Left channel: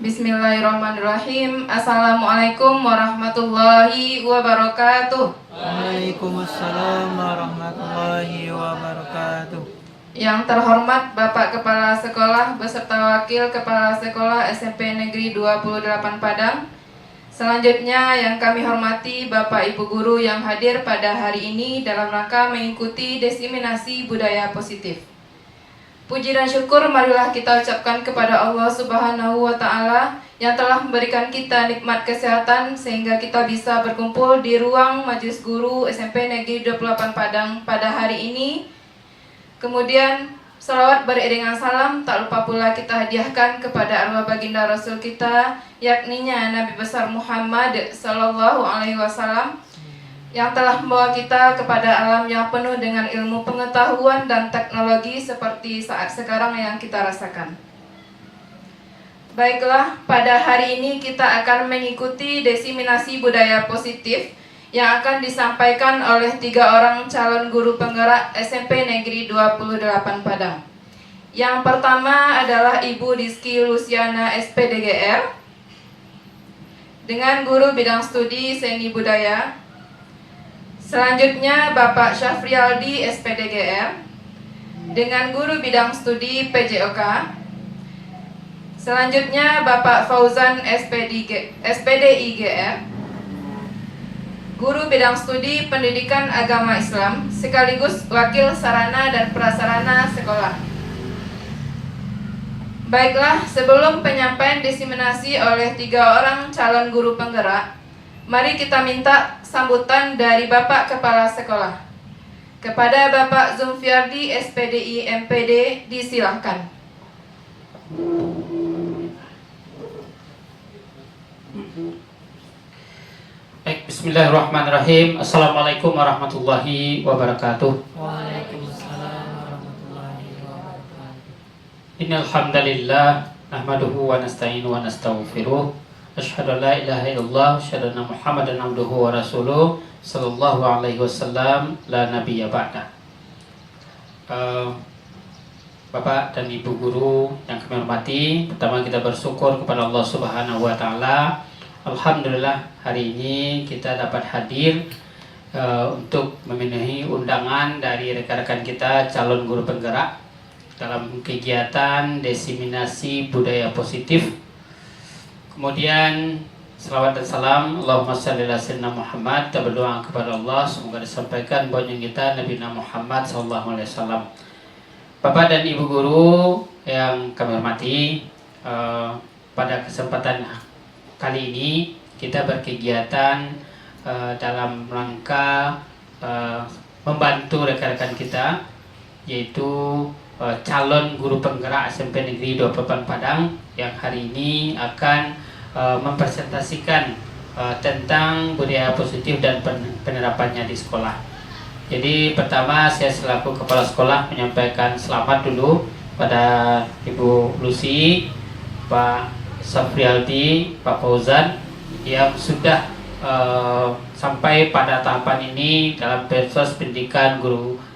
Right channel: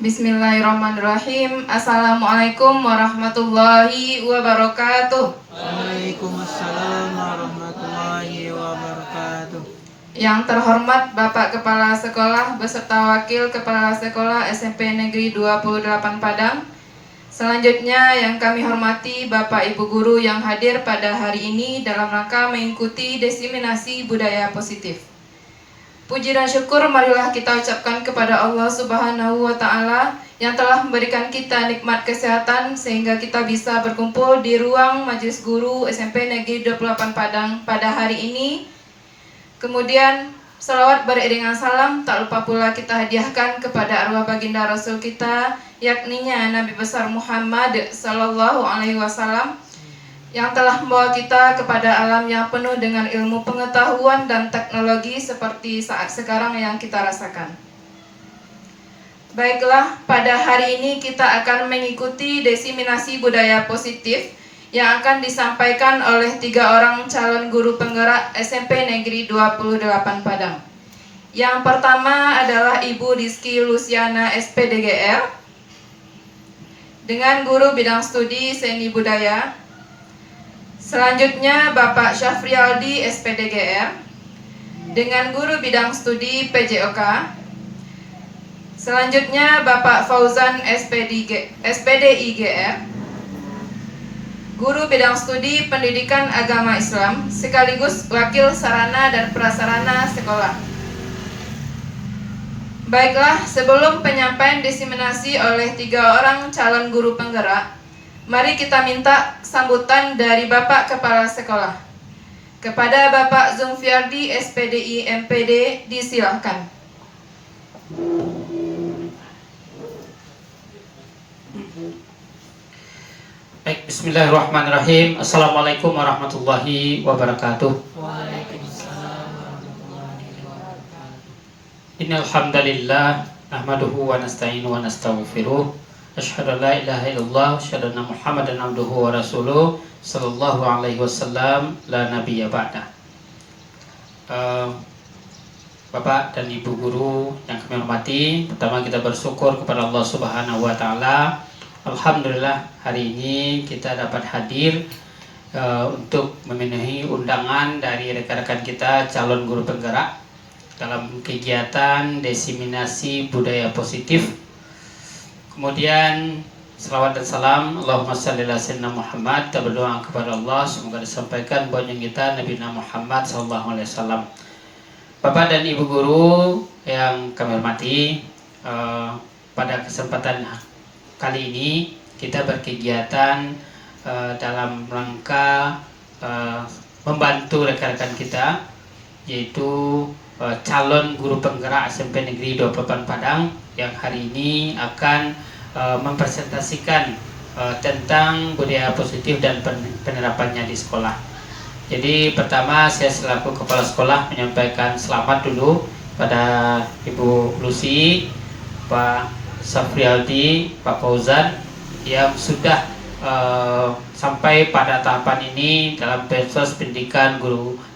Bismillahirrahmanirrahim. Assalamualaikum warahmatullahi wabarakatuh. Waalaikumsalam warahmatullahi wabarakatuh. Yang terhormat Bapak Kepala Sekolah beserta Wakil Kepala Sekolah SMP Negeri 28 Padang. Selanjutnya yang kami hormati Bapak Ibu Guru yang hadir pada hari ini dalam rangka mengikuti diseminasi budaya positif. Puji dan syukur marilah kita ucapkan kepada Allah Subhanahu wa Ta'ala yang telah memberikan kita nikmat kesehatan sehingga kita bisa berkumpul di ruang Majelis Guru SMP Negeri 28 Padang pada hari ini. Kemudian selawat beriringan salam tak lupa pula kita hadiahkan kepada arwah baginda Rasul kita, yakninya Nabi besar Muhammad Sallallahu Alaihi Wasallam, yang telah membawa kita kepada alam yang penuh dengan ilmu pengetahuan dan teknologi seperti saat sekarang yang kita rasakan. Baiklah, pada hari ini kita akan mengikuti diseminasi budaya positif yang akan disampaikan oleh 3 orang calon guru penggerak SMP Negeri 28 Padang. Yang pertama adalah Ibu Rizky Luciana SPDGR dengan guru bidang studi seni budaya. Selanjutnya Bapak Syafrialdi SPDGR dengan guru bidang studi PJOK. Selanjutnya Bapak Fauzan SPDIGR, guru bidang studi pendidikan agama Islam sekaligus wakil sarana dan prasarana sekolah. Baiklah, sebelum penyampaian diseminasi oleh 3 orang calon guru penggerak, mari kita minta sambutan dari Bapak Kepala Sekolah. Kepada Bapak Zulfiardi SPDI MPD disilahkan. Baik, bismillahirrahmanirrahim. Assalamualaikum warahmatullahi wabarakatuh. Waalaikumsalam warahmatullahi wabarakatuh. Innal hamdalillah nahmaduhu wa nasta'inu wa nastaghfiruh. Asyhadu an la ilaha illallah, asyhadu anna Muhammadan abduhu wa rasuluh, sallallahu alaihi wasallam, la nabiyya ba'da. Bapak dan Ibu guru yang kami hormati, pertama kita bersyukur kepada Allah Subhanahu wa taala. Alhamdulillah hari ini kita dapat hadir untuk memenuhi undangan dari rekan-rekan kita calon guru penggerak dalam kegiatan diseminasi budaya positif. Kemudian selawat dan salam Allahumma shalli ala sayyidina Muhammad. Kita berdoa kepada Allah semoga disampaikan boyong kita Nabi Muhammad sallallahu alaihi wasallam. Bapak dan Ibu guru yang kami hormati, pada kesempatan kali ini kita berkegiatan dalam rangka membantu rekan-rekan kita, yaitu calon guru penggerak SMP Negeri 28 Padang yang hari ini akan mempresentasikan tentang budaya positif dan penerapannya di sekolah. Jadi pertama saya selaku kepala sekolah menyampaikan selamat dulu pada Ibu Lucy, Pak Safrialdi, Pak Fauzan yang sudah sampai pada tahapan ini dalam proses pendidikan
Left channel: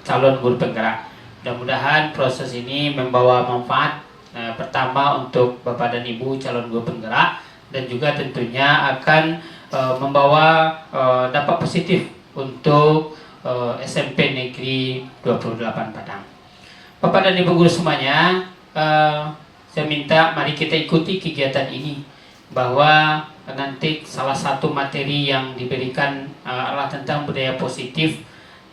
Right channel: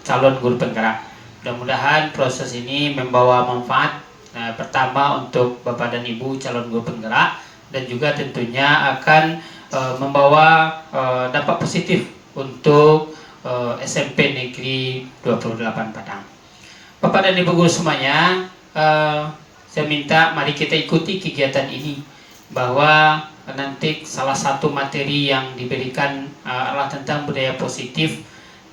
calon guru penggerak. Mudah-mudahan proses ini membawa manfaat pertama untuk Bapak dan Ibu calon guru penggerak, dan juga tentunya akan membawa dampak positif untuk SMP Negeri 28 Padang. Bapak dan Ibu guru semuanya, saya minta mari kita ikuti kegiatan ini, bahwa nanti salah satu materi yang diberikan adalah tentang budaya positif.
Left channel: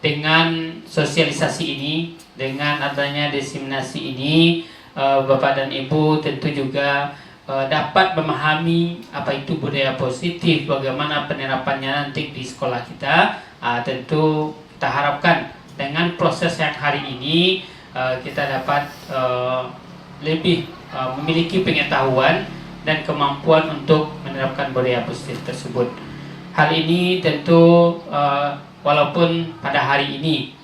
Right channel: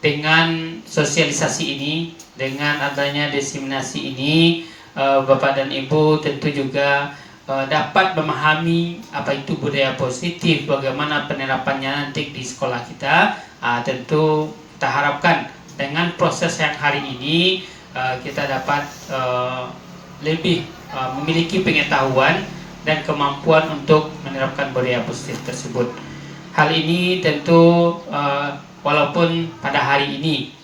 Dengan sosialisasi ini, dengan adanya diseminasi ini, Bapak dan Ibu tentu juga dapat memahami apa itu budaya positif, bagaimana penerapannya nanti di sekolah kita. Tentu kita harapkan dengan proses yang hari ini kita dapat lebih memiliki pengetahuan dan kemampuan untuk menerapkan budaya positif tersebut. Hal ini tentu walaupun pada hari ini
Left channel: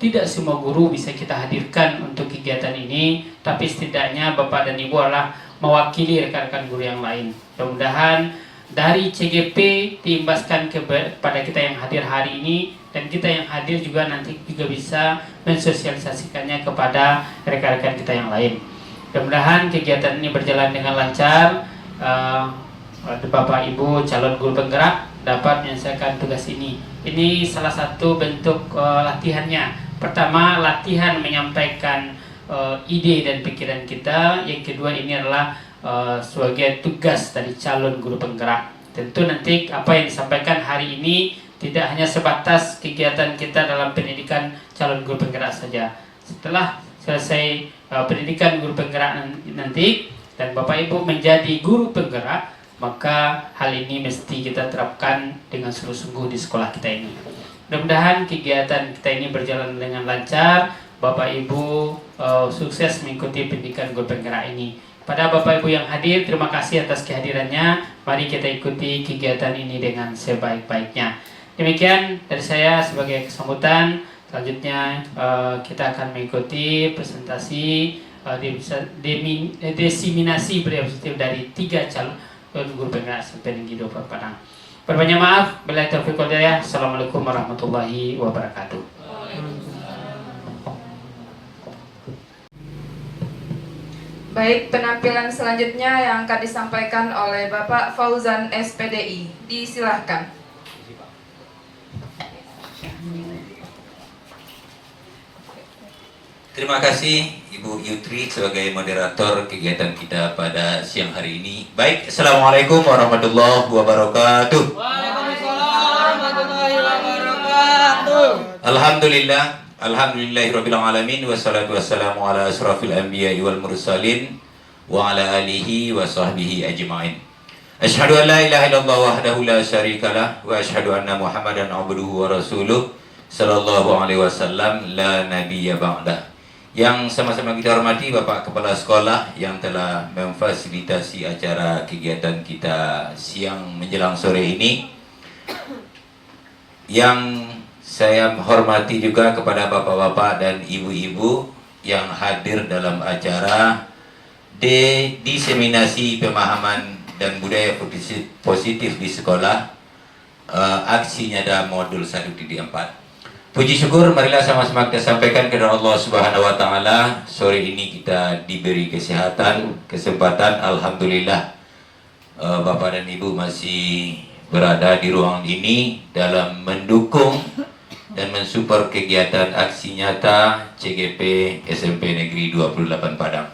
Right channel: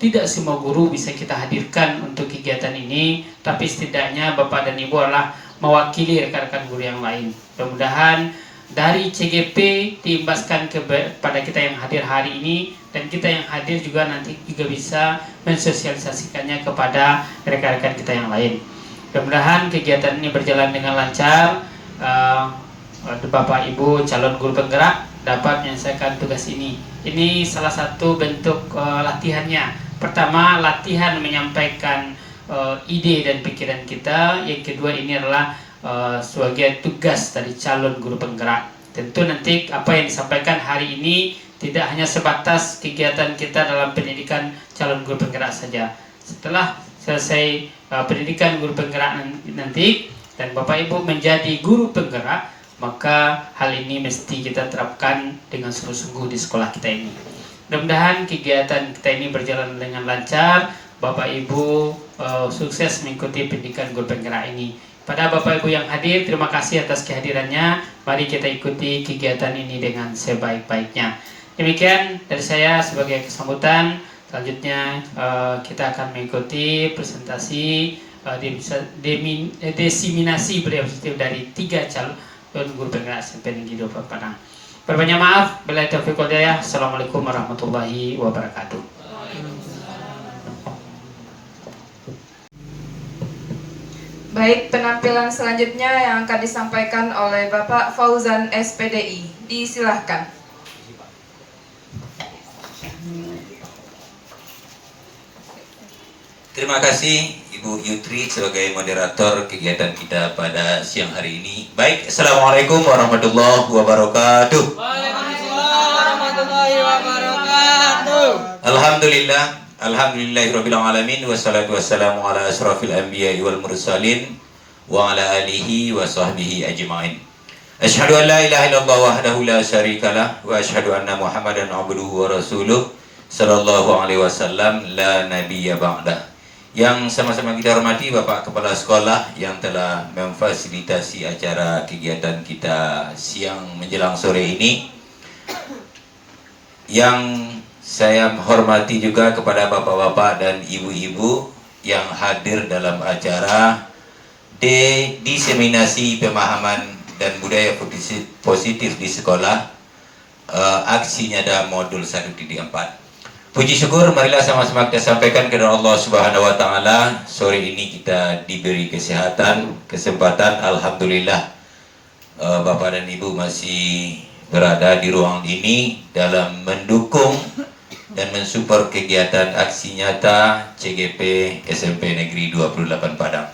tidak semua guru bisa kita hadirkan untuk kegiatan ini, tapi setidaknya Bapak dan Ibu adalah mewakili rekan-rekan guru yang lain. Mudah-mudahan dari CGP diimbaskan kepada kita yang hadir hari ini, dan kita yang hadir juga nanti juga bisa mensosialisasikannya kepada rekan-rekan kita yang lain. Mudah-mudahan kegiatan ini berjalan dengan lancar. Bapak Ibu calon guru penggerak dapat menyelesaikan tugas ini. Ini salah satu bentuk latihannya. Pertama, latihan menyampaikan ide dan pikiran kita. Yang kedua, ini adalah sebagai tugas dari calon guru penggerak. Tentu nanti apa yang disampaikan hari ini tidak hanya sebatas kegiatan kita dalam pendidikan calon guru penggerak saja. Setelah selesai pendidikan guru penggerak nanti dan Bapak Ibu menjadi guru penggerak, maka hal ini mesti kita terapkan dengan sungguh-sungguh di sekolah kita ini. Mudah-mudahan kegiatan kita ini berjalan dengan lancar. Bapak Ibu sukses mengikuti pendidikan guru penggerak ini. Pada Bapak Ibu yang hadir, terima kasih atas kehadirannya. Mari kita ikuti kegiatan ini dengan sebaik-baiknya. Demikian dari saya sebagai kesambutan. Selanjutnya kita akan mengikuti presentasi diseminasi budaya positif dari 3 calon guru penggerak SMP Negeri 24 Padang. Berbanyak maaf. Billahi taufiq wal hidayah. Assalamualaikum warahmatullahi wabarakatuh. Baik, penampilan selanjutnya yang akan disampaikan oleh Bapak Fauzan SPDI. Disilahkan. Terima kasih Ibu Yutri sebagai moderator kegiatan kita pada siang hari ini. Baik, Assalamualaikum warahmatullahi wabarakatuh. Waalaikumsalam warahmatullahi wabarakatuh. Alhamdulillahirabbil alamin wassalatu wassalamu ala asrofil anbiya'i wal mursalin wa ala alihi wa sahbihi ajma'in. Asyhadu an la ilaha illallah wahdahu la syarikalah wa asyhadu anna Muhammadan abduhu wa rasuluh sallallahu alaihi wasallam la nabiyya ba'dah. Yang sama-sama kita hormati Bapak Kepala Sekolah yang telah memfasilitasi acara kegiatan kita siang menjelang sore ini. Yang saya hormati juga kepada bapak-bapak dan ibu-ibu yang hadir dalam acara diseminasi pemahaman dan budaya positif di sekolah, aksi nyata modul 1.4. Puji syukur marilah sama-sama kita sampaikan kepada Allah Subhanahu wa taala. Sore ini kita diberi kesempatan, alhamdulillah. Bapak dan Ibu masih berada di ruang ini dalam mendukung dan mensupport kegiatan aksi nyata CGP SMP Negeri 28 Padang.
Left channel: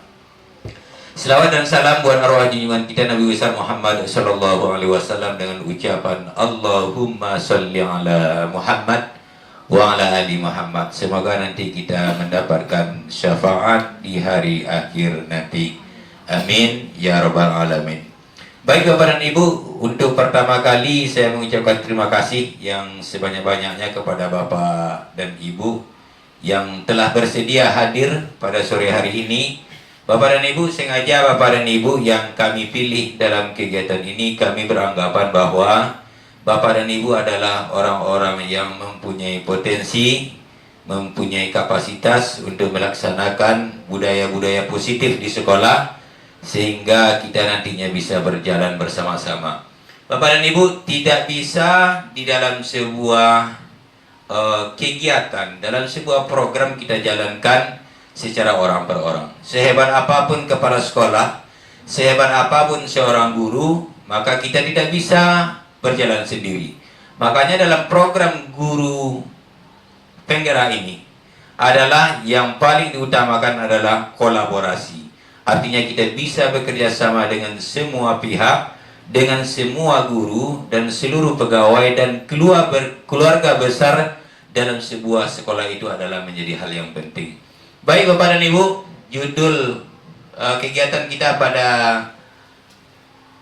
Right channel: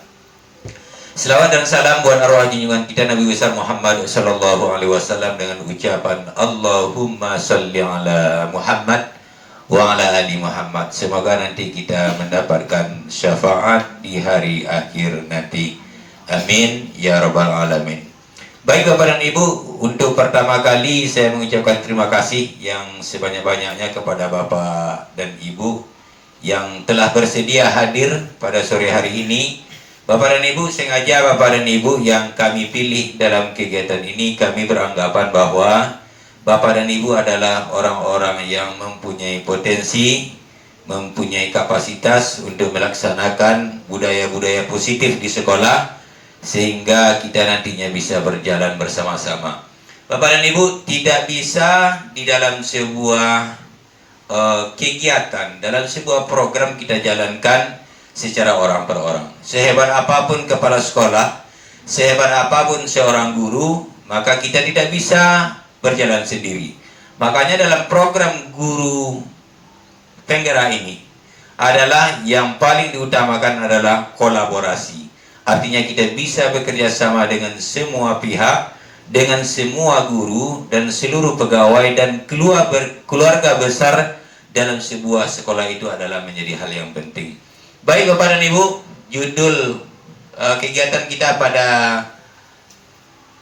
Selawat dan salam buat arwah junjungan kita Nabi besar Muhammad sallallahu alaihi wasallam dengan ucapan Allahumma sholli ala Muhammad wa ala ali Muhammad. Semoga nanti kita mendapatkan syafaat di hari akhir nanti. Amin ya rabbal alamin. Baik Bapak dan Ibu, untuk pertama kali saya mengucapkan terima kasih yang sebanyak-banyaknya kepada Bapak dan Ibu yang telah bersedia hadir pada sore hari ini. Bapak dan Ibu, sengaja Bapak dan Ibu yang kami pilih dalam kegiatan ini, kami beranggapan bahwa Bapak dan Ibu adalah orang-orang yang mempunyai potensi, mempunyai kapasitas untuk melaksanakan budaya-budaya positif di sekolah, sehingga kita nantinya bisa berjalan bersama-sama. Bapak dan Ibu, tidak bisa di dalam sebuah kegiatan, dalam sebuah program kita jalankan secara orang per orang. Sehebat apapun kepala sekolah, sehebat apapun seorang guru, maka kita tidak bisa berjalan sendiri. Makanya dalam program guru penggerak ini adalah yang paling diutamakan adalah kolaborasi. Artinya kita bisa bekerja sama dengan semua pihak, dengan semua guru dan seluruh pegawai dan keluarga besar dalam sebuah sekolah itu adalah menjadi hal yang penting. Baik Bapak dan Ibu, judul kegiatan kita pada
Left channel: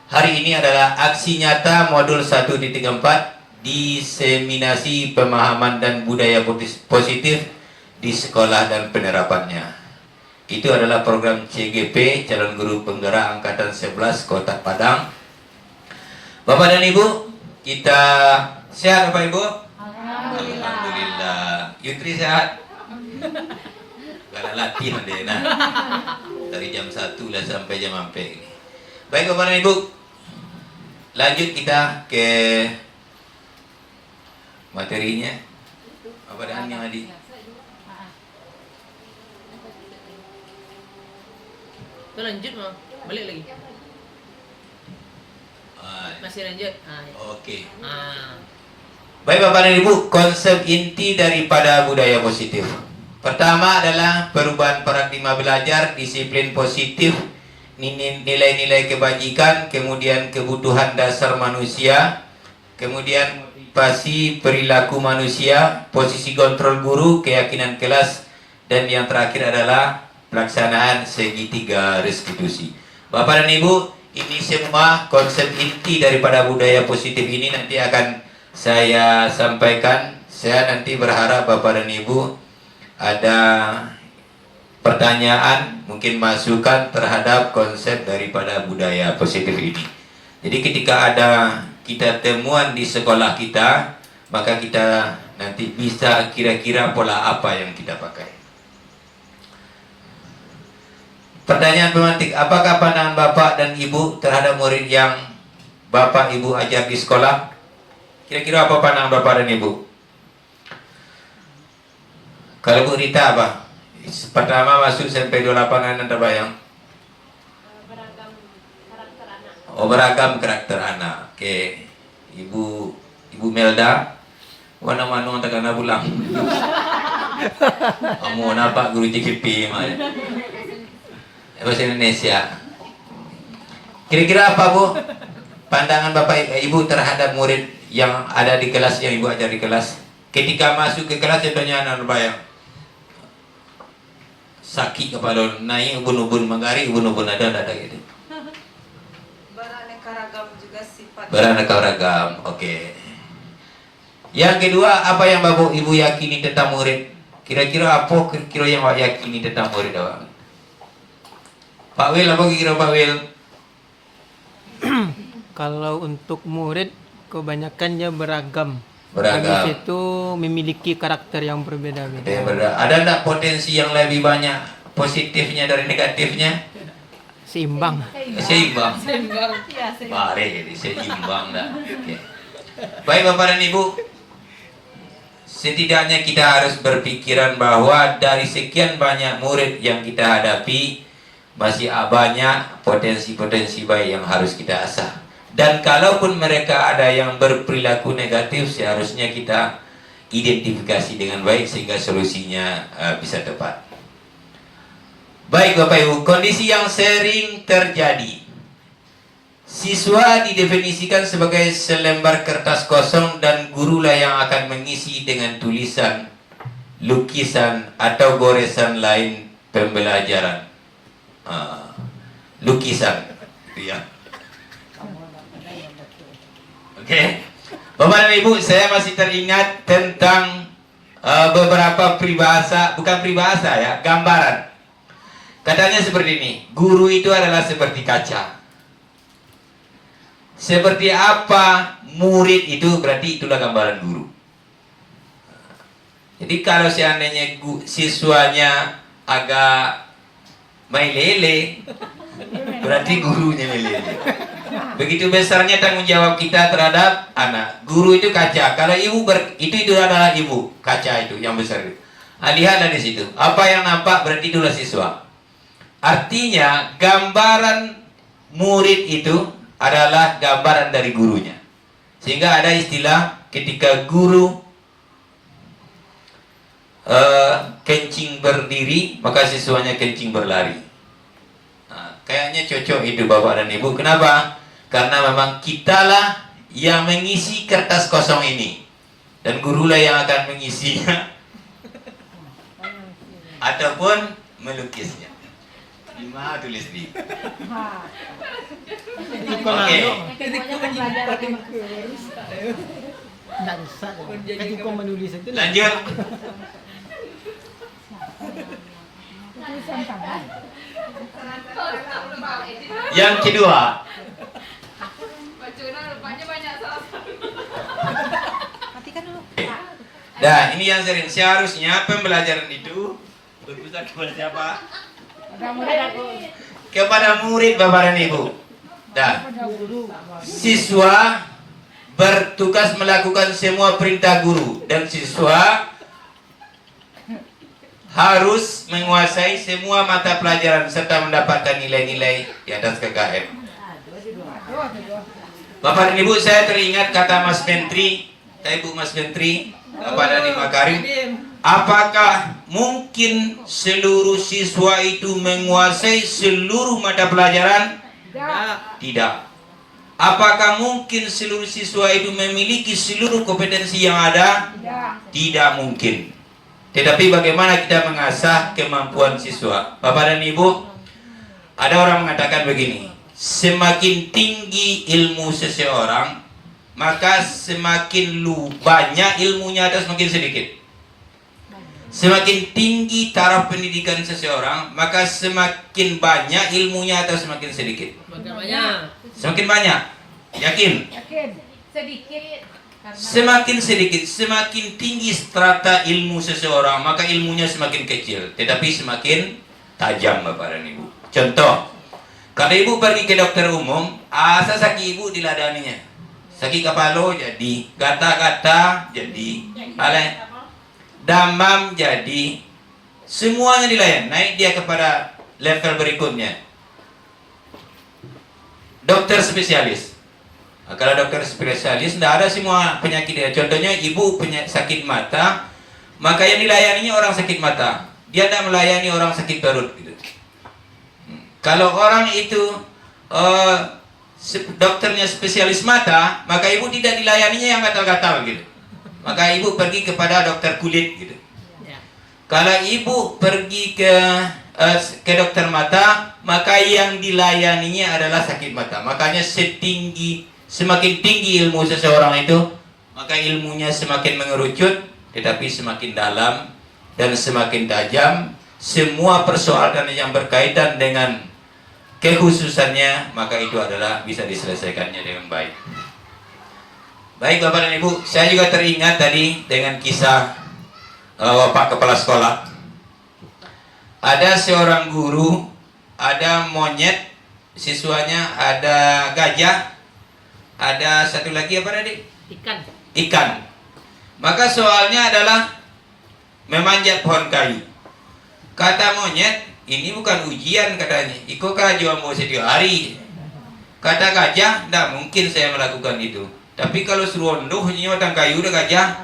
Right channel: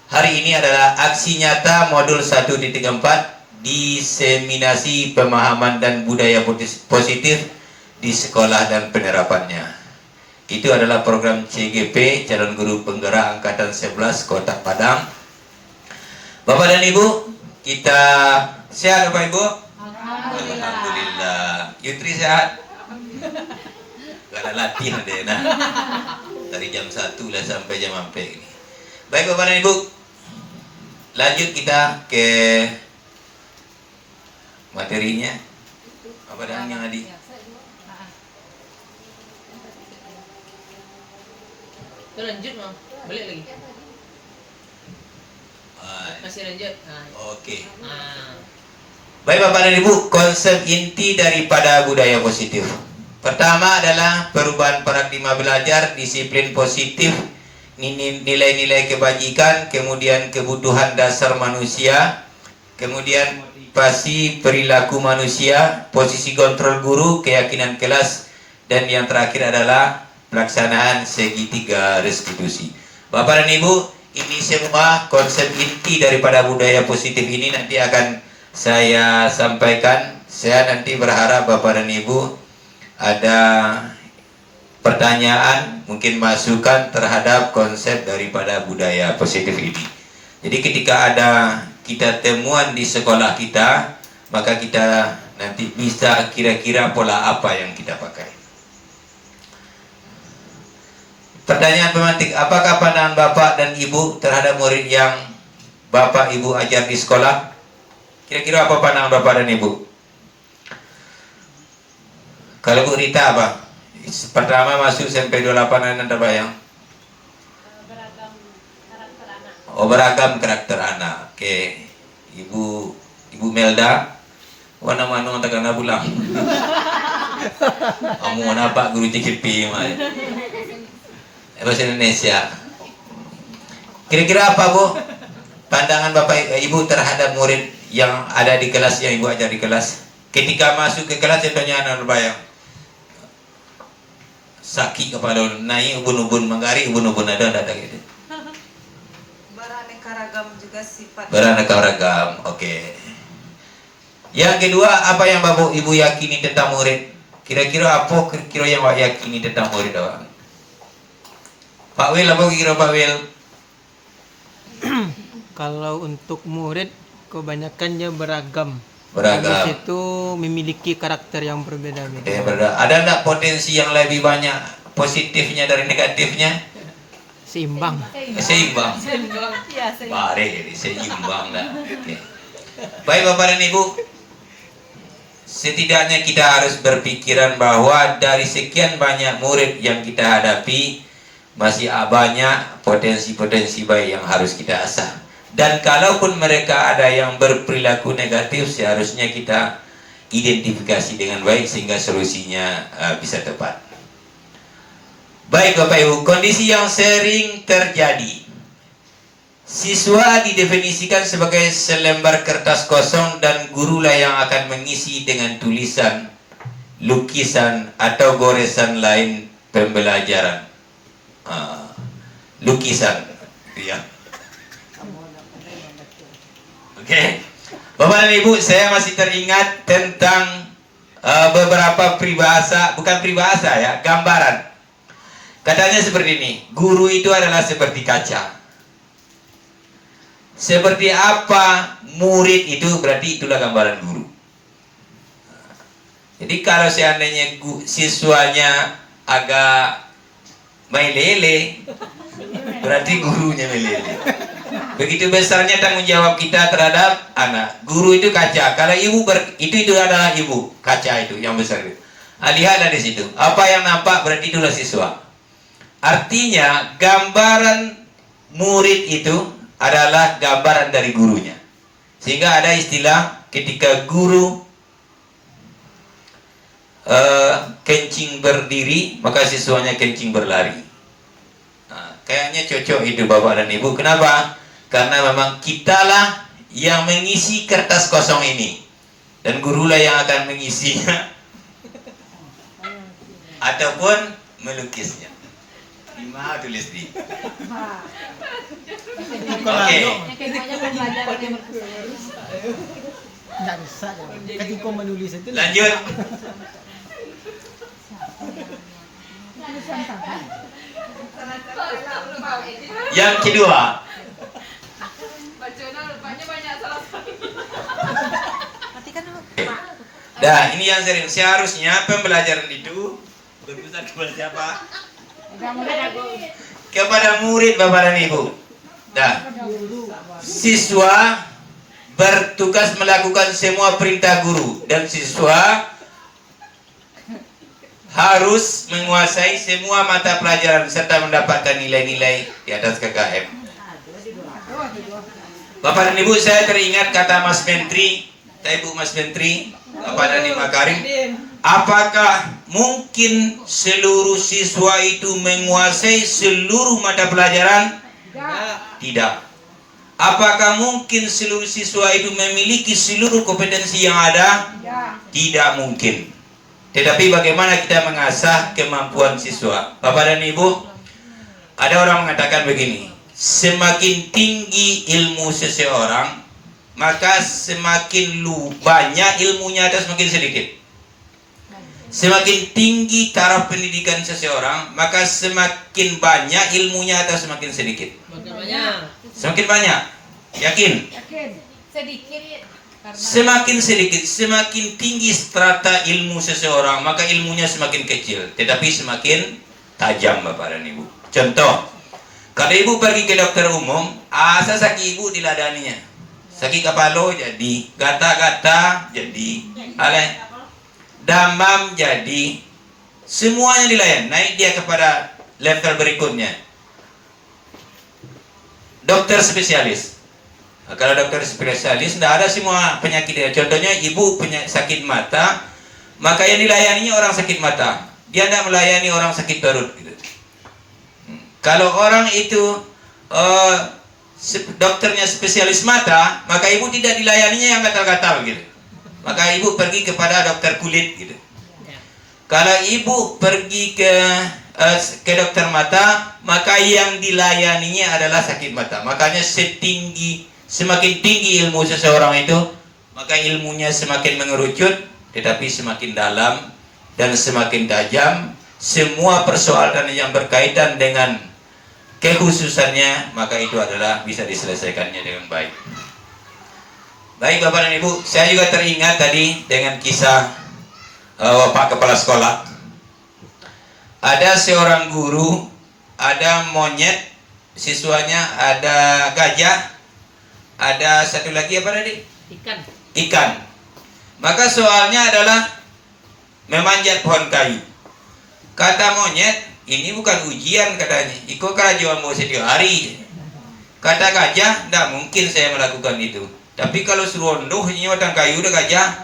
hari ini adalah aksi nyata modul 1.4 diseminasi pemahaman dan budaya positif di sekolah dan penerapannya. Itu adalah program CGP calon guru penggerak angkatan 11 Kota Padang. Bapak dan Ibu, kita sehat Bapak Ibu? Alhamdulillah. Yutri sehat? Gak ada latihan deh nah. Dari jam 1 lah sampai jam sampai. Baik Bapak dan Ibu, lanjut kita ke materinya. Apa dan yang Adi? Lanjut mah, balik lagi. Masih lanjut. Oke. Nah. Baik Bapak dan Ibu, konsep inti daripada budaya positif. Pertama adalah perubahan paradigma belajar, disiplin positif, nilai-nilai kebajikan, kemudian kebutuhan dasar manusia, kemudian motivasi perilaku manusia, posisi kontrol guru, keyakinan kelas, dan yang terakhir adalah pelaksanaan segitiga restitusi. Bapak dan Ibu, ini semua konsep inti daripada budaya positif ini nanti akan saya sampaikan. Saya nanti berharap Bapak dan Ibu ada pertanyaan, mungkin masukan terhadap konsep daripada budaya positif ini. Jadi ketika ada kita temuan di sekolah kita, maka kita nanti bisa kira-kira pola apa yang kita pakai. Pertanyaan pemantik, apakah pandangan Bapak dan Ibu terhadap murid yang Bapak Ibu ajar di sekolah? Kira-kira apa pandangan Bapak dan Ibu? Kalau Bu Rita apa? Pertama masuk SMP 28 Anda terbayang? Beragam karakter anak. Oh, beragam karakter anak. Oke. Ibu Melda, warna mana tak kena pulang? Kamu apa guru CKP mah? Bahasa Indonesia. Kira-kira apa Bu? Pandangan Bapak Ibu terhadap murid yang ada di kelas yang Ibu ajar di kelas? Ketika masuk ke kelas contohnya anak berbayang. Sakit kepala naik ubun-ubun mengari ubun-ubun ada gitu. Beraneka ragam juga sifat. Beraneka ragam. Oke. Yang kedua, apa yang Bapak Ibu yakini tentang murid? Kira-kira apa kira-kira yang Bapak yakini tentang murid Bapak? Pak Wil, apa kira Pak Wil? Kalau untuk murid kebanyakannya beragam. Beragam. Habis itu memiliki karakter yang berbeda-beda. Ada enggak potensi yang lebih banyak positifnya dari negatifnya? Seimbang. Seimbang. Bare, jadi seimbang lah. Oke. Baik Bapak dan Ibu, setidaknya kita harus berpikiran bahwa dari sekian banyak murid yang kita hadapi, masih banyak potensi-potensi baik yang harus kita asah. Dan kalaupun mereka ada yang berperilaku negatif, seharusnya kita identifikasi dengan baik sehingga solusinya bisa tepat. Baik Bapak Ibu, kondisi yang sering terjadi. Siswa didefinisikan sebagai selembar kertas kosong dan gurulah yang akan mengisi dengan tulisan, lukisan atau goresan lain pembelajaran. Lukisan, ya. Oke, Bapak dan Ibu, saya masih teringat tentang beberapa peribahasa, bukan peribahasa ya, gambaran. Katanya seperti ini, guru itu adalah seperti kaca. Seperti apa murid itu, berarti itulah gambaran guru. Jadi kalau seandainya siswanya agak melele, berarti gurunya melele. Begitu besarnya tanggung jawab kita terhadap anak. Guru itu kaca. Kalau ibu itu adalah ibu, kaca itu yang besar itu. Lihat dari situ. Apa yang nampak berarti itulah siswa. Artinya gambaran murid itu adalah gambaran dari gurunya. Sehingga ada istilah ketika guru kencing berdiri, maka siswanya kencing berlari. Nah, kayaknya cocok itu Bapak dan Ibu. Kenapa? Karena memang kitalah yang mengisi kertas kosong ini, dan gurulah yang akan mengisinya ataupun melukisnya. Lima tulis di. Oke. Tidak bisa. Ketika menulis itu Lanjut. Yang kedua. Nah, ini yang sering. Seharusnya pembelajaran itu berpusat kepada siapa? Kepada murid Bapak dan Ibu. Nah, siswa bertugas melakukan semua perintah guru dan siswa harus menguasai semua mata pelajaran serta mendapatkan nilai-nilai di atas KKM. Bapak dan Ibu, saya teringat kata Mas Menteri, Ibu Mas Menteri, Bapak Nadiem Makarim, apakah mungkin seluruh siswa itu menguasai seluruh mata pelajaran? Tidak. Apakah mungkin seluruh siswa itu memiliki seluruh kompetensi yang ada? Tidak mungkin. Tetapi bagaimana kita mengasah kemampuan siswa? Bapak dan Ibu, ada orang mengatakan begini, semakin tinggi ilmu seseorang, maka semakin banyak ilmunya atau semakin sedikit. Semakin tinggi taraf pendidikan seseorang, maka semakin banyak ilmunya atau semakin sedikit. Semakin banyak. Yakin? Sedikit. Semakin sedikit, semakin tinggi strata ilmu seseorang, maka ilmunya semakin kecil, tetapi semakin tajam, Bapak dan Ibu. Contoh, kalau Ibu pergi ke dokter umum, asa sakit Ibu diladaninya. Sakit kepala jadi, gata-gata jadi, damam jadi, semuanya dilayan. Naik dia kepada level berikutnya. Dokter spesialis. Nah, kalau dokter spesialis tidak ada semua penyakit dia. Contohnya ibu punya sakit mata, maka yang dilayaninya orang sakit mata. Dia tidak melayani orang sakit perut. Gitu. Kalau orang itu dokternya spesialis mata, maka ibu tidak dilayaninya yang gatal-gatal gitu. Maka ibu pergi kepada dokter kulit gitu. Kalau ibu pergi ke dokter mata, maka yang dilayaninya adalah sakit mata. Makanya semakin tinggi ilmu seseorang itu, maka ilmunya semakin mengerucut, tetapi semakin dalam dan semakin tajam. Semua persoalan yang berkaitan dengan kekhususannya, maka itu adalah bisa diselesaikannya dengan baik. Baik Bapak dan Ibu, saya juga teringat tadi dengan kisah Pak Kepala Sekolah. Ada seorang guru, ada monyet, siswanya ada gajah, ada satu lagi apa tadi? Ikan. Maka soalnya adalah memanjat pohon kayu. Kata monyet, ini bukan ujian katanya. Iko kerajuan mau setiap hari. Kata gajah, tidak mungkin saya melakukan itu. Tapi kalau suruh ondoh, ini batang kayu udah gajah,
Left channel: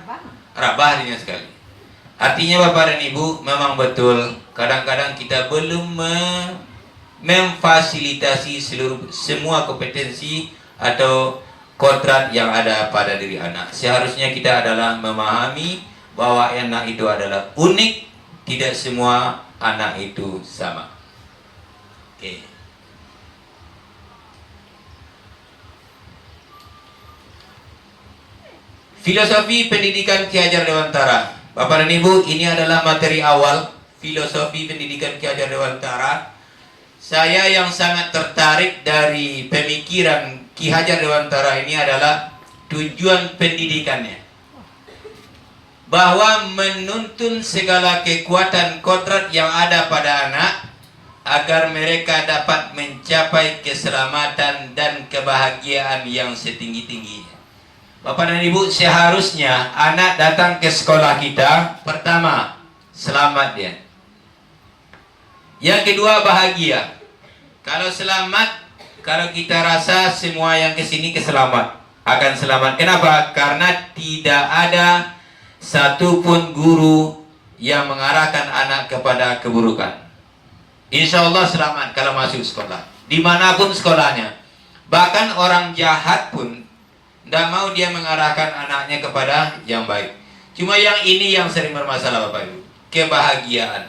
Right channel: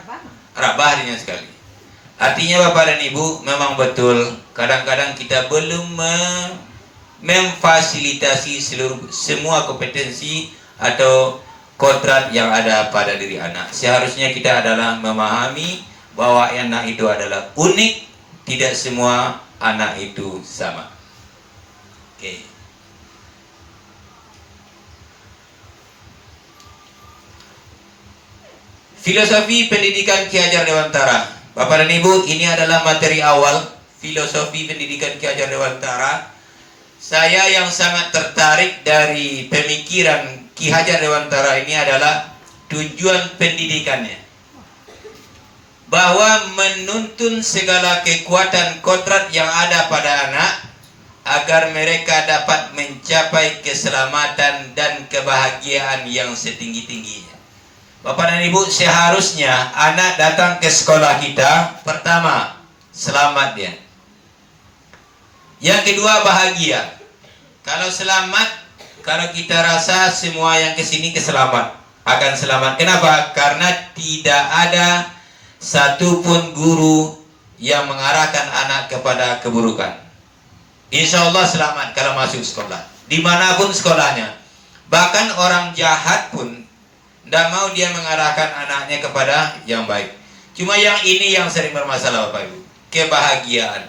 rabah dia sekali. Artinya Bapak dan Ibu, memang betul kadang-kadang kita belum memfasilitasi semua kompetensi atau kodrat yang ada pada diri anak. Seharusnya kita adalah memahami bahwa anak itu adalah unik, tidak semua anak itu sama. Oke. Filosofi pendidikan Ki Hajar Dewantara. Bapak dan Ibu, ini adalah materi awal filosofi pendidikan Ki Hajar Dewantara. Saya yang sangat tertarik dari pemikiran Ki Hajar Dewantara ini adalah tujuan pendidikannya, bahwa menuntun segala kekuatan kodrat yang ada pada anak agar mereka dapat mencapai keselamatan dan kebahagiaan yang setinggi-tingginya. Bapak dan Ibu, seharusnya anak datang ke sekolah kita, pertama, selamat dia. Yang kedua, bahagia. Kalau selamat, kalau kita rasa semua yang kesini akan selamat. Kenapa? Karena tidak ada satupun guru yang mengarahkan anak kepada keburukan. Insya Allah selamat kalau masuk sekolah, dimanapun sekolahnya. Bahkan orang jahat pun tidak mau dia mengarahkan anaknya kepada yang baik. Cuma yang ini yang sering bermasalah Bapak Ibu, kebahagiaan.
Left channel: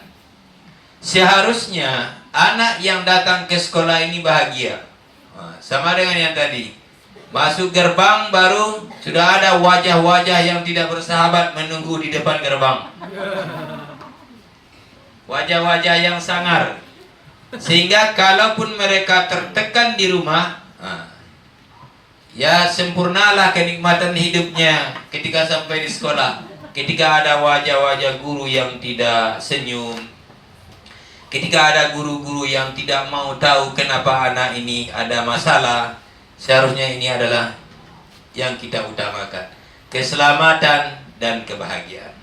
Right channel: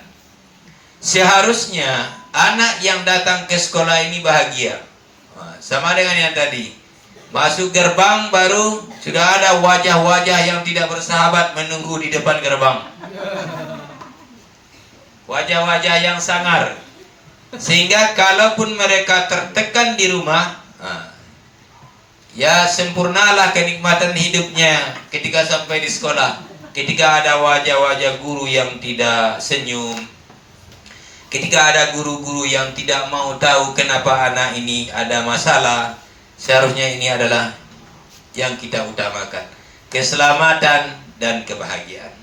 Seharusnya anak yang datang ke sekolah ini bahagia. Sama dengan yang tadi, masuk gerbang baru sudah ada wajah-wajah yang tidak bersahabat menunggu di depan gerbang. Wajah-wajah yang sangar. Sehingga kalaupun mereka tertekan di rumah, ya sempurnalah kenikmatan hidupnya ketika sampai di sekolah. Ketika ada wajah-wajah guru yang tidak senyum, ketika ada guru-guru yang tidak mau tahu kenapa anak ini ada masalah, seharusnya ini adalah yang kita utamakan, keselamatan dan kebahagiaan.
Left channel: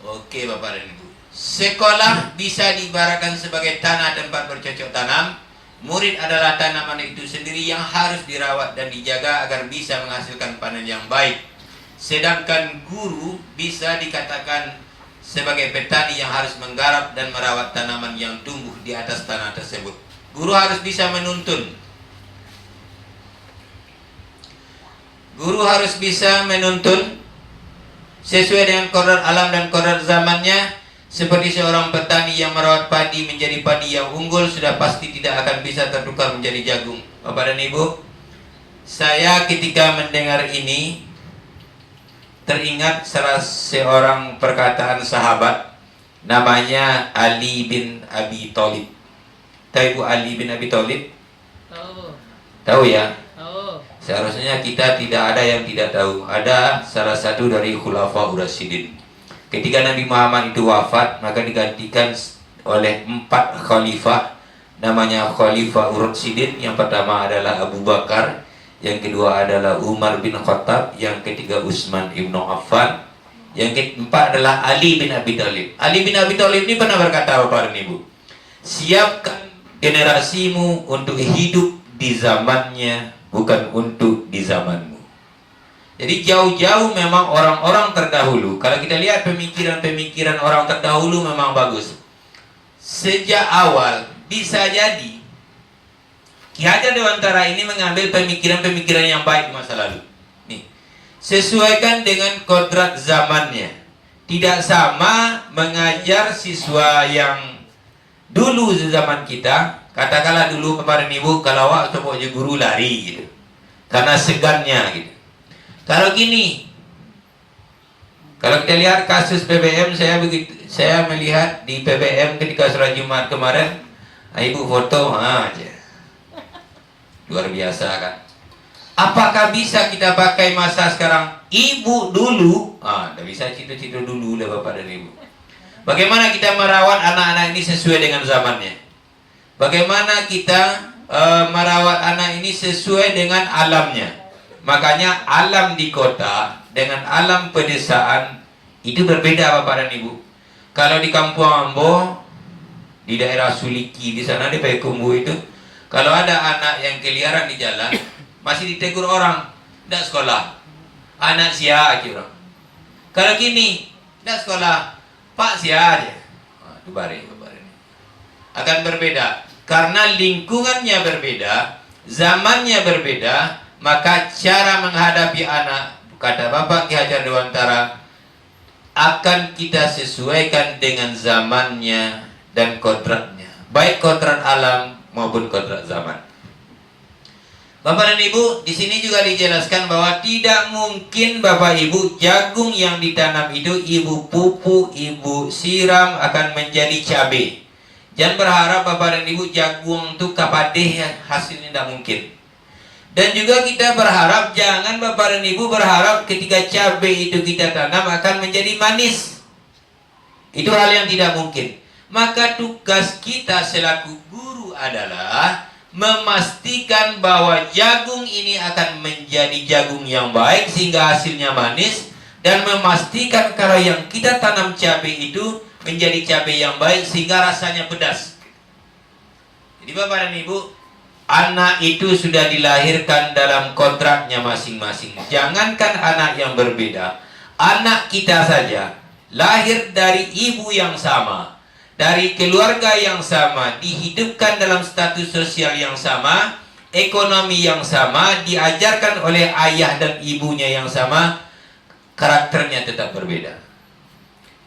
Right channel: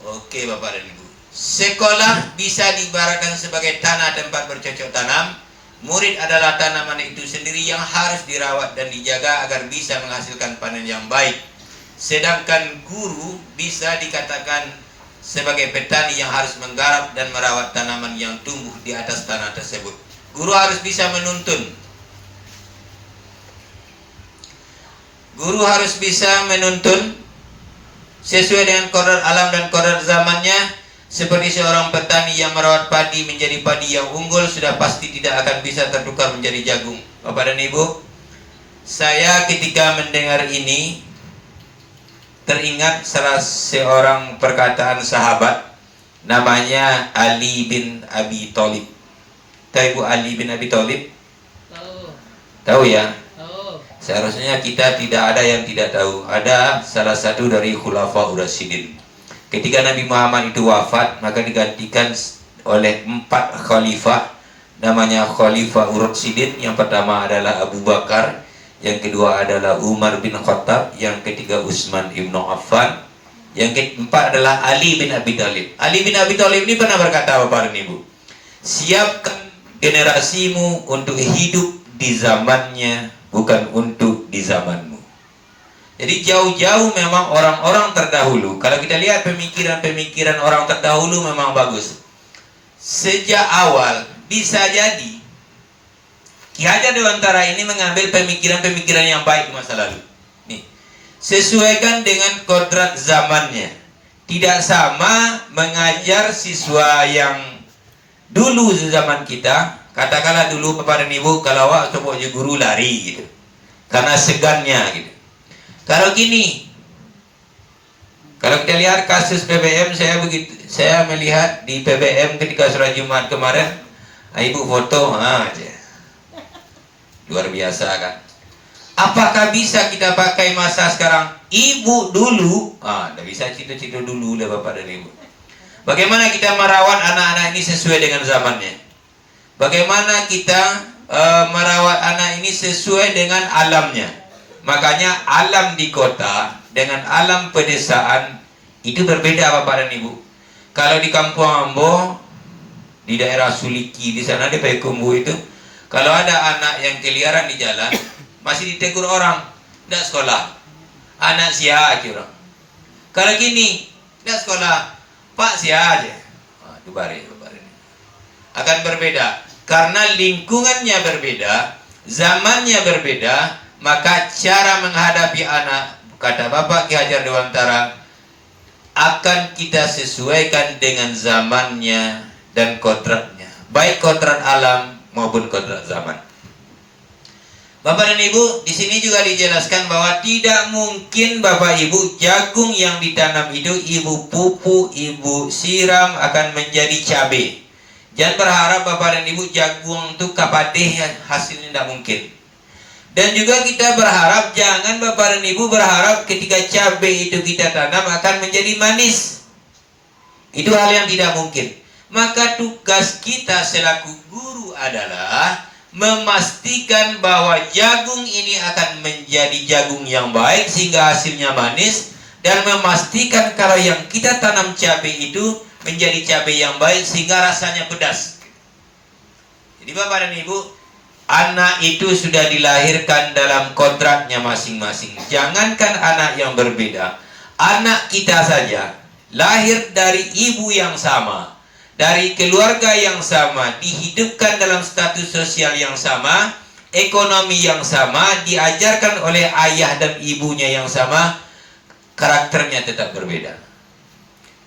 Oke Bapak dan Ibu, Sekolah bisa diibaratkan sebagai tanah tempat bercocok tanam. Murid adalah tanaman itu sendiri yang harus dirawat dan dijaga agar bisa menghasilkan panen yang baik. Sedangkan guru bisa dikatakan sebagai petani yang harus menggarap dan merawat tanaman yang tumbuh di atas tanah tersebut. Guru harus bisa menuntun. Guru harus bisa menuntun sesuai dengan kodrat alam dan kodrat zamannya. Seperti seorang petani yang merawat padi menjadi padi yang unggul, sudah pasti tidak akan bisa tertukar menjadi jagung. Bapak dan Ibu, saya ketika mendengar ini teringat salah seorang perkataan sahabat, namanya Ali bin Abi Thalib. Tahu Ibu Ali bin Abi Thalib? Tahu. Tahu ya? Tahu. Seharusnya kita tidak ada yang tidak tahu. Ada salah satu dari Khulafaur Rasyidin. Ketika Nabi Muhammad itu wafat, maka digantikan oleh 4 khalifah. Namanya Khulafaur Rasyidin. Yang pertama adalah Abu Bakar, yang kedua adalah Umar bin Khattab, yang ketiga Utsman ibn Affan, yang keempat adalah Ali bin Abi Thalib. Ali bin Abi Thalib ini pernah berkata, Bapak dan Ibu, siapkan generasimu untuk hidup di zamannya, bukan untuk di zamanmu. Jadi jauh-jauh memang orang-orang terdahulu. Kalau kita lihat pemikiran-pemikiran orang terdahulu memang bagus. Sejak awal bisa jadi Ki Hajar Dewantara ini mengambil pemikiran-pemikiran yang baik di masa lalu. Nih, sesuaikan dengan kodrat zamannya. Tidak sama mengajar siswa yang dulu zaman kita. Katakanlah dulu kepada ibu, kalau awak coba jadi guru lari gitu, karena segannya gitu. Kalau gini, kalau kita lihat kasus PBM, saya melihat di PBM ketika sholat Jumat kemarin, ibu foto aja, luar biasa kan? Apakah bisa kita pakai masa sekarang? Ibu dulu, tidak bisa cita-cita dulu lah bapak dan ibu. Bagaimana kita merawat anak-anak ini sesuai dengan zamannya? Bagaimana kita merawat anak ini sesuai dengan alamnya? Makanya alam di kota dengan alam pedesaan itu berbeda bapak dan ibu. Kalau di Kampung Ambo, di daerah Suliki, di sana di Payakumbuh itu, kalau ada anak yang keliaran di jalan, masih ditegur orang, tidak sekolah, anak sia aja orang. Kalau gini, tidak sekolah, pak sia aja. Itu bare. Akan berbeda, karena lingkungannya berbeda, zamannya berbeda. Maka cara menghadapi anak, kata Bapak Ki Hajar Dewantara, akan kita sesuaikan dengan zamannya dan kodratnya, baik kodrat alam maupun kodrat zaman. Bapak dan Ibu, di sini juga dijelaskan bahwa tidak mungkin Bapak Ibu jagung yang ditanam itu Ibu pupuk, Ibu siram akan menjadi cabai. Jangan berharap Bapak dan Ibu jagung itu kapatih, hasilnya tidak mungkin. Dan juga kita berharap, jangan Bapak dan Ibu berharap ketika cabai itu kita tanam akan menjadi manis. Itu hal yang tidak mungkin. Maka tugas kita selaku guru adalah memastikan bahwa jagung ini akan menjadi jagung yang baik sehingga hasilnya manis, dan memastikan kalau yang kita tanam cabai itu menjadi cabai yang baik sehingga rasanya pedas. Jadi Bapak dan Ibu, anak itu sudah dilahirkan dalam kodratnya masing-masing. Jangankan anak yang berbeda, anak kita saja lahir dari ibu yang sama, dari keluarga yang sama, dihidupkan dalam status sosial yang sama, ekonomi yang sama, diajarkan oleh ayah dan ibunya yang sama, karakternya tetap berbeda.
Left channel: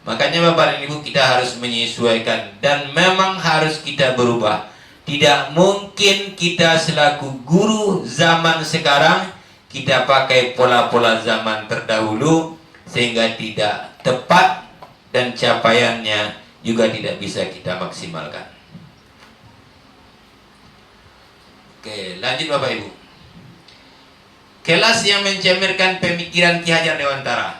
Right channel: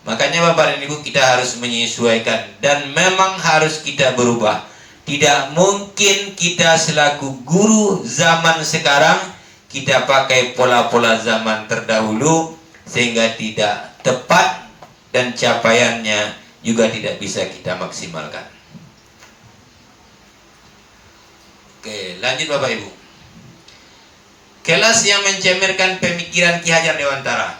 Makanya Bapak dan Ibu, kita harus menyesuaikan dan memang harus kita berubah. Tidak mungkin kita selaku guru zaman sekarang kita pakai pola-pola zaman terdahulu, sehingga tidak tepat dan capaiannya juga tidak bisa kita maksimalkan. Oke, lanjut Bapak Ibu. Kelas yang mencemirkan pemikiran Ki Hajar Dewantara.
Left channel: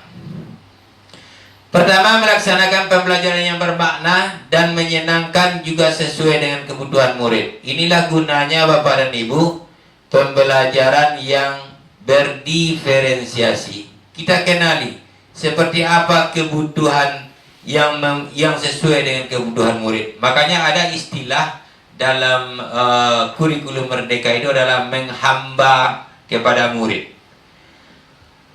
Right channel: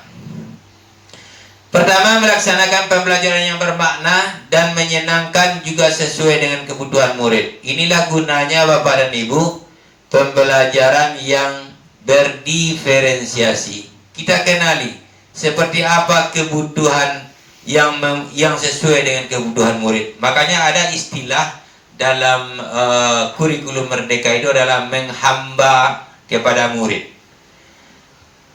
Pertama, melaksanakan pembelajaran yang bermakna dan menyenangkan juga sesuai dengan kebutuhan murid. Inilah gunanya Bapak dan Ibu, pembelajaran yang berdiferensiasi. Kita kenali seperti apa kebutuhan yang sesuai dengan kebutuhan murid. Makanya ada istilah dalam kurikulum Merdeka itu adalah menghamba kepada murid.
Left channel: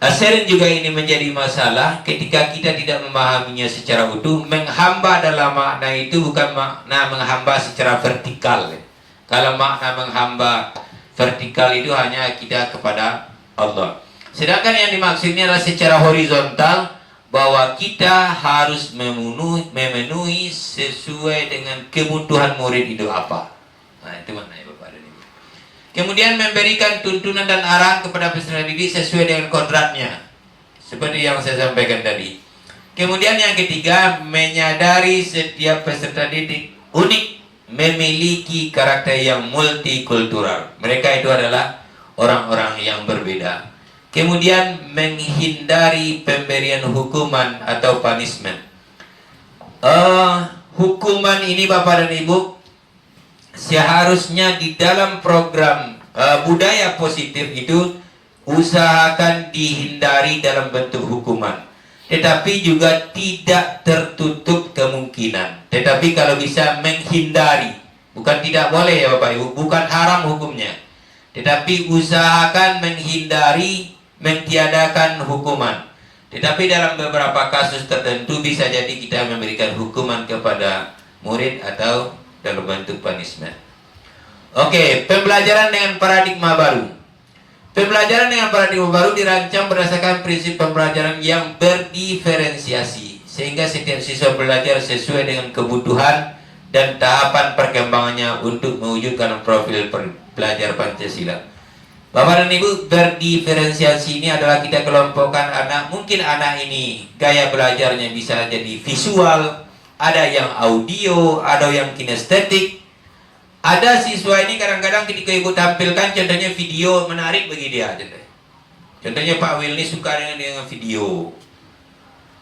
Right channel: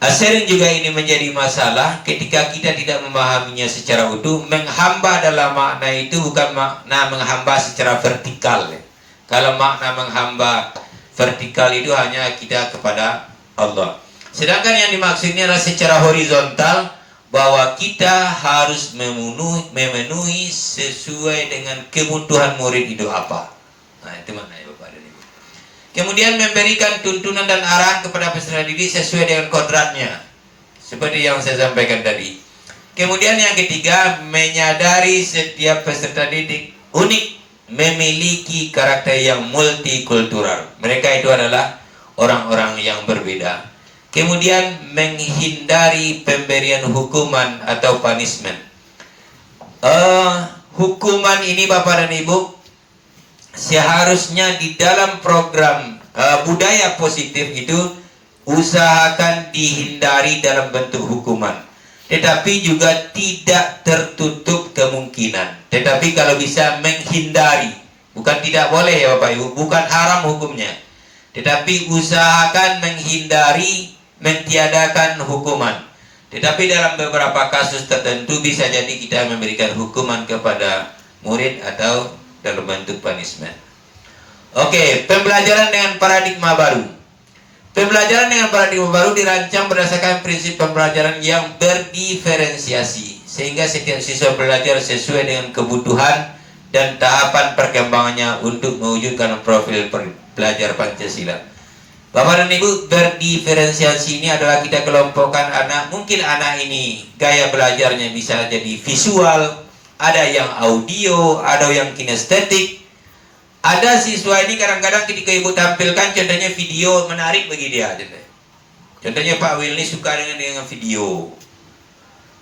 Sering juga ini menjadi masalah ketika kita tidak memahaminya secara utuh. Menghamba dalam makna itu bukan makna menghamba secara vertikal. Kalau makna menghamba vertikal itu hanya kita kepada Allah. Sedangkan yang dimaksudnya adalah secara horizontal, bahwa kita harus memenuhi sesuai dengan kebutuhan murid itu apa. Nah, itu maknanya Bapak dan Ibu. Kemudian memberikan tuntunan dan arahan kepada peserta didik sesuai dengan kodratnya, seperti yang saya sampaikan tadi. Kemudian yang ketiga, menyadari setiap peserta didik unik, memiliki karakter yang multikultural. Mereka itu adalah orang-orang yang berbeda. Kemudian menghindari pemberian hukuman atau punishment. Hukuman ini Bapak dan Ibu seharusnya di dalam program budaya positif itu usahakan dihindari dalam bentuk hukuman. Tetapi juga tidak tertutup kemungkinan. Tetapi kalau bisa menghindari, bukan tidak boleh ya Bapak Ibu, bukan haram hukumnya. Tetapi usahakan menghindari, mentiadakan hukuman. Tetapi dalam beberapa kasus tertentu bisa jadi kita memberikan hukuman kepada murid atau dalam bentuk punishment. Oke, pembelajaran dengan paradigma baru. Pembelajaran dengan paradigma baru dirancang berdasarkan prinsip pembelajaran yang berdiferensiasi, sehingga setiap siswa belajar sesuai dengan kebutuhan dan tahapan perkembangannya untuk mewujudkan profil belajar Pancasila. Bapak dan Ibu, berdiferensiasi ini adalah kita kelompokkan anak. Mungkin anak ini gaya belajarnya bisa jadi visual, ada yang audio, ada yang kinestetik. Ada siswa ini kadang-kadang ketika ibu tampilkan contohnya video menarik bagi dia. Contohnya Pak Willy suka dengan video.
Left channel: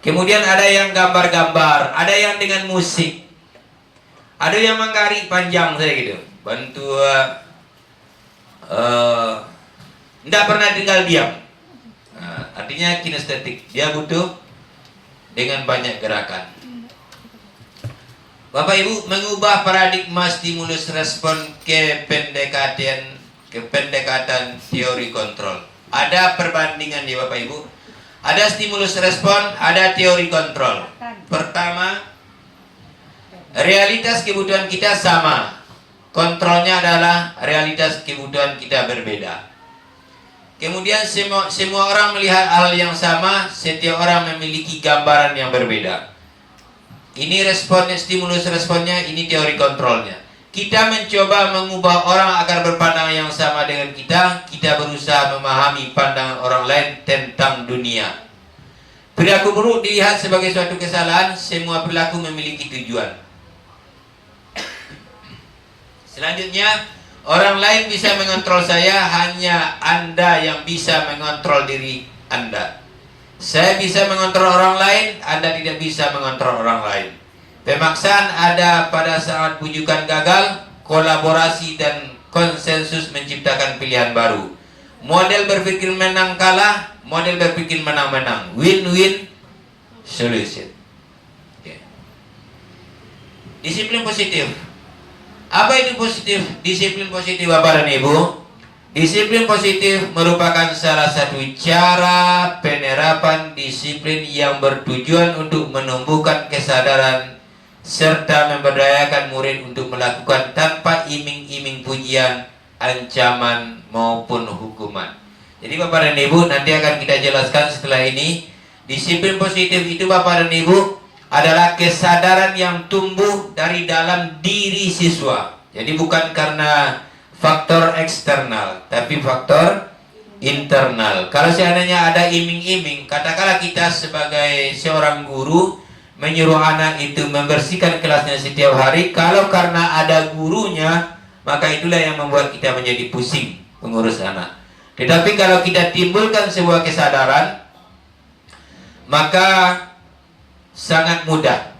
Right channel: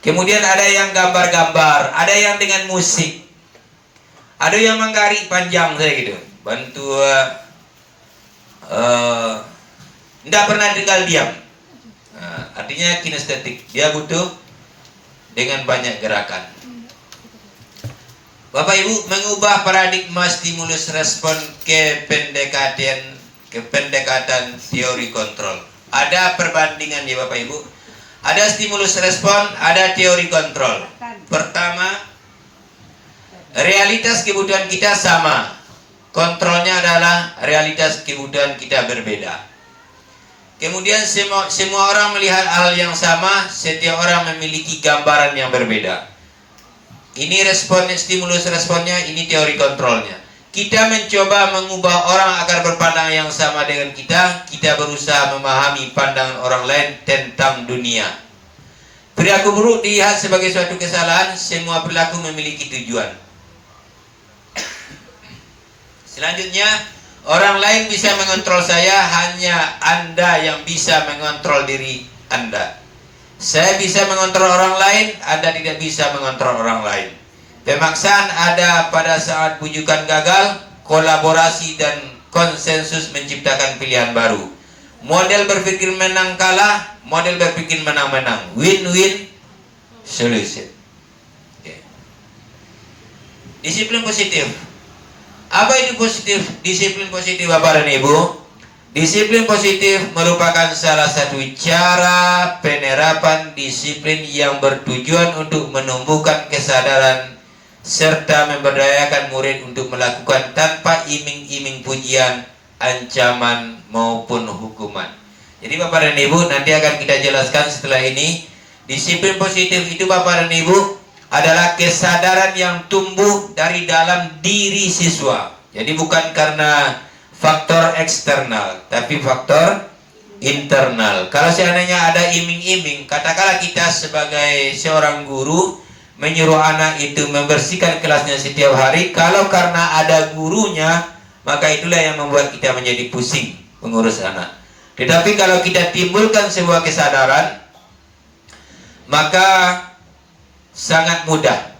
Kemudian ada yang gambar-gambar, ada yang dengan musik, ada yang menggaris panjang saya gitu. Bantu tidak pernah tinggal diam. Nah, artinya kinestetik, dia butuh dengan banyak gerakan. Bapak Ibu, mengubah paradigma stimulus respon ke pendekatan teori kontrol. Ada perbandingan ya Bapak Ibu. Ada stimulus respon, ada teori kontrol. Pertama, realitas kebutuhan kita sama. Kontrolnya adalah realitas kebutuhan kita berbeda. Kemudian semua orang melihat hal yang sama, setiap orang memiliki gambaran yang berbeda. Ini respon, stimulus responnya, ini teori kontrolnya. Kita mencoba mengubah orang agar berpandangan yang sama dengan kita. Kita berusaha memahami pandangan orang lain tentang dunia. Perilaku buruk dilihat sebagai suatu kesalahan. Semua perilaku memiliki tujuan. Selanjutnya, orang lain bisa mengontrol saya, hanya Anda yang bisa mengontrol diri Anda. Saya bisa mengontrol orang lain, Anda tidak bisa mengontrol orang lain. Pemaksaan ada pada saat bujukan gagal, kolaborasi dan konsensus menciptakan pilihan baru. Model berpikir menang kalah, model berpikir menang-menang. Win-win solution. Okay. Disiplin positif. Apa itu positif? Disiplin positif Bapak dan Ibu. Disiplin positif merupakan salah satu cara penerapan disiplin yang bertujuan untuk menumbuhkan kesadaran serta memberdayakan murid untuk melakukan tanpa iming-iming pujian, ancaman maupun hukuman. Jadi Bapak dan Ibu, nanti akan kita jelaskan setelah ini. Disiplin positif itu Bapak dan Ibu adalah kesadaran yang tumbuh dari dalam diri siswa. Jadi bukan karena faktor eksternal, tapi faktor internal. Kalau seandainya ada iming-iming, katakanlah kita sebagai seorang guru menyuruh anak itu membersihkan kelasnya setiap hari. Kalau karena ada gurunya, maka itulah yang membuat kita menjadi pusing mengurus anak. Tetapi kalau kita timbulkan sebuah kesadaran, maka sangat mudah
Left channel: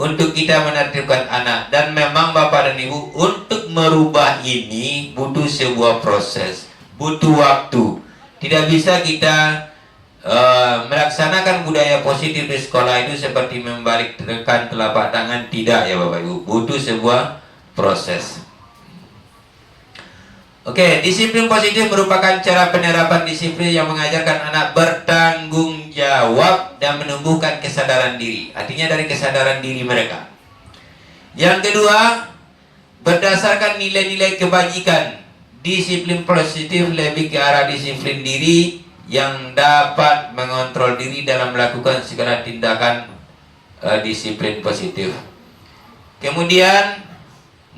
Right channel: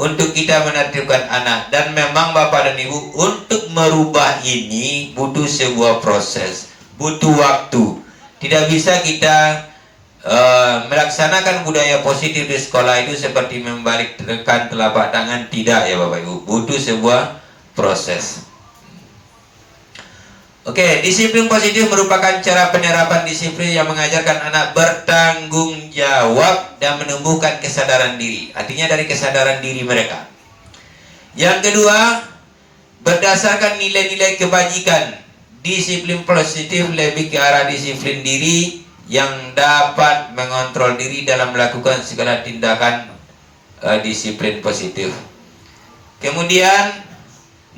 untuk kita menertibkan anak. Dan memang Bapak dan Ibu, untuk merubah ini butuh sebuah proses, butuh waktu. Tidak bisa kita melaksanakan budaya positif di sekolah itu seperti membalikkan telapak tangan, tidak ya Bapak Ibu, butuh sebuah proses. Oke, disiplin positif merupakan cara penerapan disiplin yang mengajarkan anak bertanggung jawab dan menumbuhkan kesadaran diri. Artinya dari kesadaran diri mereka. Yang kedua, berdasarkan nilai-nilai kebajikan, disiplin positif lebih ke arah disiplin diri yang dapat mengontrol diri dalam melakukan segala tindakan disiplin positif. Kemudian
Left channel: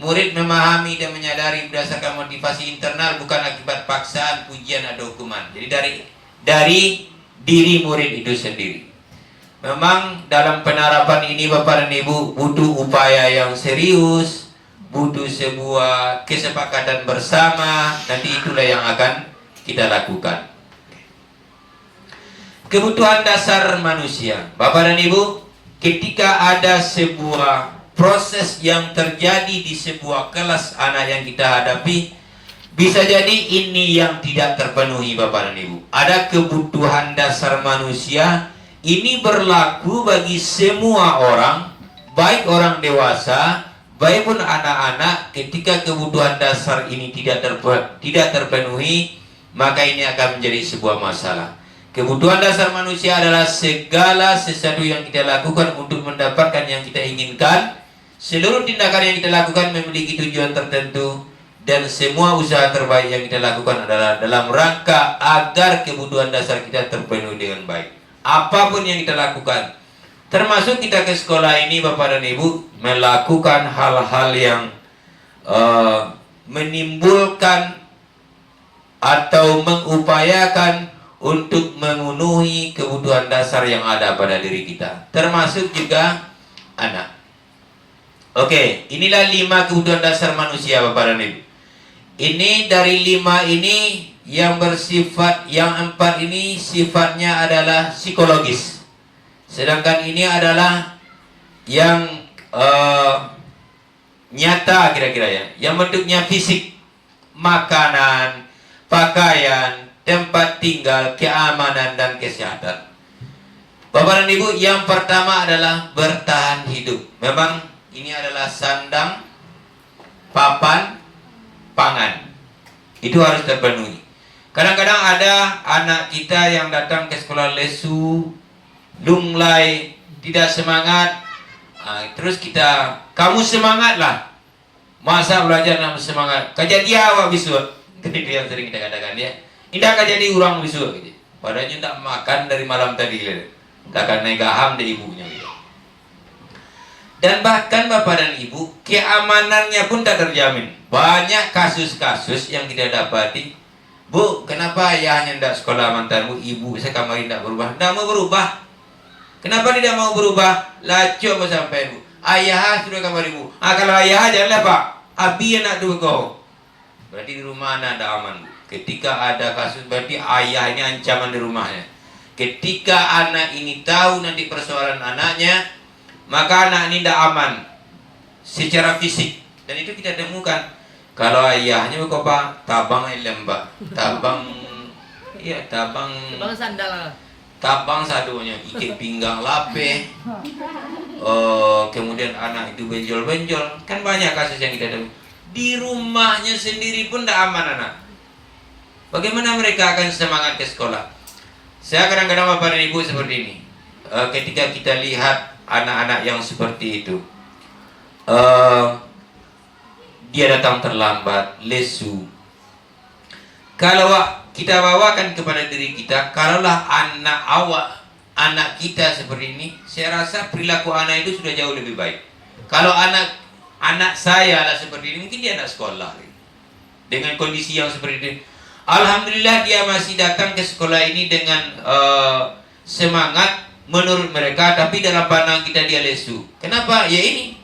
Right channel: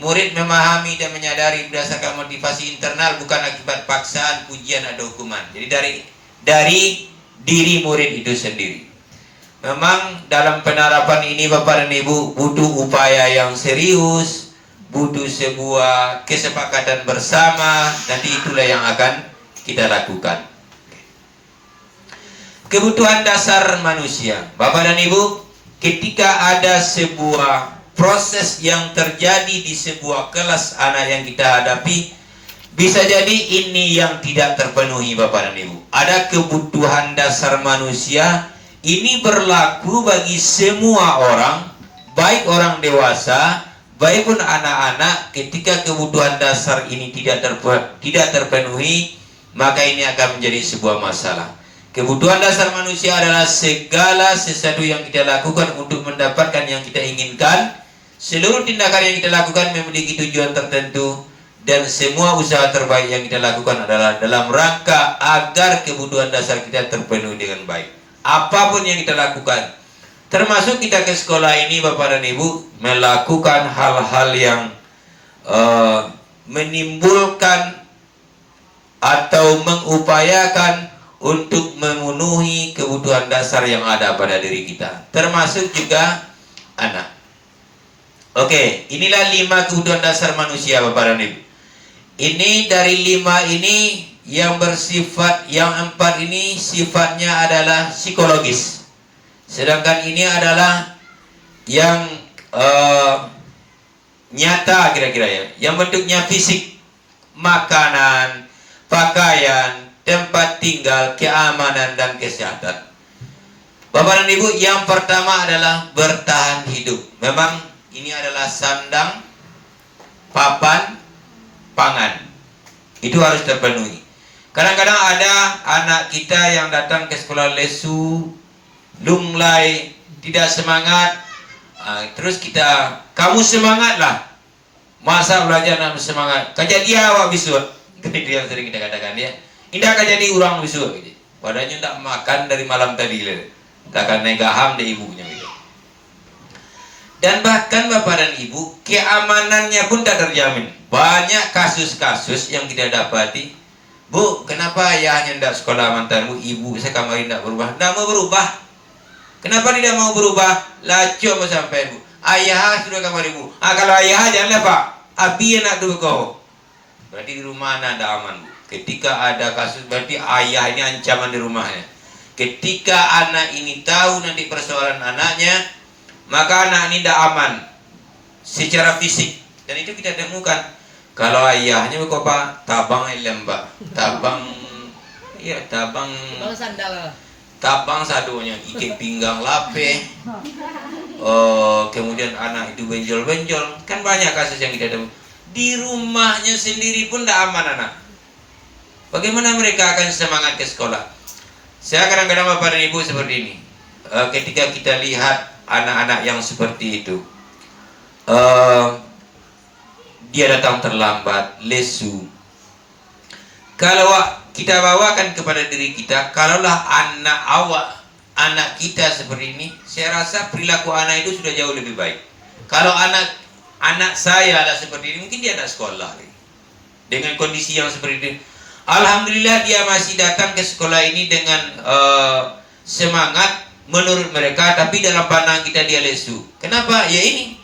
murid memahami dan menyadari berdasarkan motivasi internal, bukan akibat paksaan, pujian atau hukuman. Jadi dari diri murid itu sendiri. Memang dalam penerapan ini Bapak dan Ibu butuh upaya yang serius, butuh sebuah kesepakatan bersama. Nanti itulah yang akan kita lakukan. Kebutuhan dasar manusia, Bapak dan Ibu, ketika ada sebuah proses yang terjadi di sebuah kelas anak yang kita hadapi, bisa jadi ini yang tidak terpenuhi Bapak dan Ibu. Ada kebutuhan dasar manusia, ini berlaku bagi semua orang, baik orang dewasa, baik pun anak-anak. Ketika kebutuhan dasar ini tidak terpenuhi, maka ini akan menjadi sebuah masalah. Kebutuhan dasar manusia adalah segala sesuatu yang kita lakukan untuk mendapatkan yang kita inginkan. Seluruh tindakan yang kita lakukan memiliki tujuan tertentu, dan semua usaha terbaik yang kita lakukan adalah dalam rangka agar kebutuhan dasar kita terpenuhi dengan baik. Apapun yang kita lakukan, termasuk kita ke sekolah ini Bapak dan Ibu, melakukan hal-hal yang menimbulkan atau mengupayakan untuk memenuhi kebutuhan dasar yang ada pada diri kita, termasuk juga anak. Oke, inilah 5 kebutuhan dasar manusia Bapak dan Ibu. Ini dari 5 ini yang bersifat, yang 4 ini sifatnya adalah psikologis. Sedangkan ini adalah yang nyata kira-kira ya, yang bentuknya fisik, makanan, pakaian, tempat tinggal, keamanan dan kesehatan. Bapak dan Ibu, yang pertama adalah bertahan hidup. Memang ini adalah sandang, papan, pangan. Itu harus terpenuhi. Kadang-kadang ada anak kita yang datang ke sekolah lesu, lunglai, tidak semangat. Terus kamu semangatlah. Masa belajar nak semangat? Kajadi awak bisu. Itu yang sering kita katakan ya. Indah kajadi orang bisu. Padahal tidak makan dari malam tadi. Takkan negaham dari ibunya. Dan bahkan Bapak dan Ibu, keamanannya pun tak terjamin. Banyak kasus-kasus yang kita dapati. Bu, kenapa ayahnya tidak sekolah mantanmu? Ibu sekamari tidak berubah. Tidak mau berubah. Kenapa tidak mau berubah? Lacu apa sampai Bu? Ayah sudah kamar ibu. Kalau ayah janganlah Pak. Abi nak dulu kau. Berarti di rumah anak ada aman Bu. Ketika ada kasus, berarti ayah ini ancaman di rumahnya. Ketika anak ini tahu nanti persoalan anaknya, maka anak ini tidak aman secara fisik. Dan itu kita temukan. Kalau ayahnya kok Pak, tabang lembak, tabang sandal. Tabang sadonya, ikat pinggang lape. Kemudian anak itu benjol-benjol. Kan banyak kasus yang kita temukan. Di rumahnya sendiri pun tidak aman anak. Bagaimana mereka akan semangat ke sekolah? Saya kadang-kadang Bapak dan Ibu seperti ini. Ketika kita lihat anak-anak yang seperti itu, dia datang terlambat, lesu. Kalau kita bawakan kepada diri kita, kalaulah anak kita seperti ini, saya rasa perilaku anak itu sudah jauh lebih baik. Kalau anak saya lah seperti ini, mungkin dia anak sekolah dengan kondisi yang seperti ini. Alhamdulillah dia masih datang ke sekolah ini dengan semangat menurut mereka, tapi dalam pandangan kita dia lesu. Kenapa? Ya ini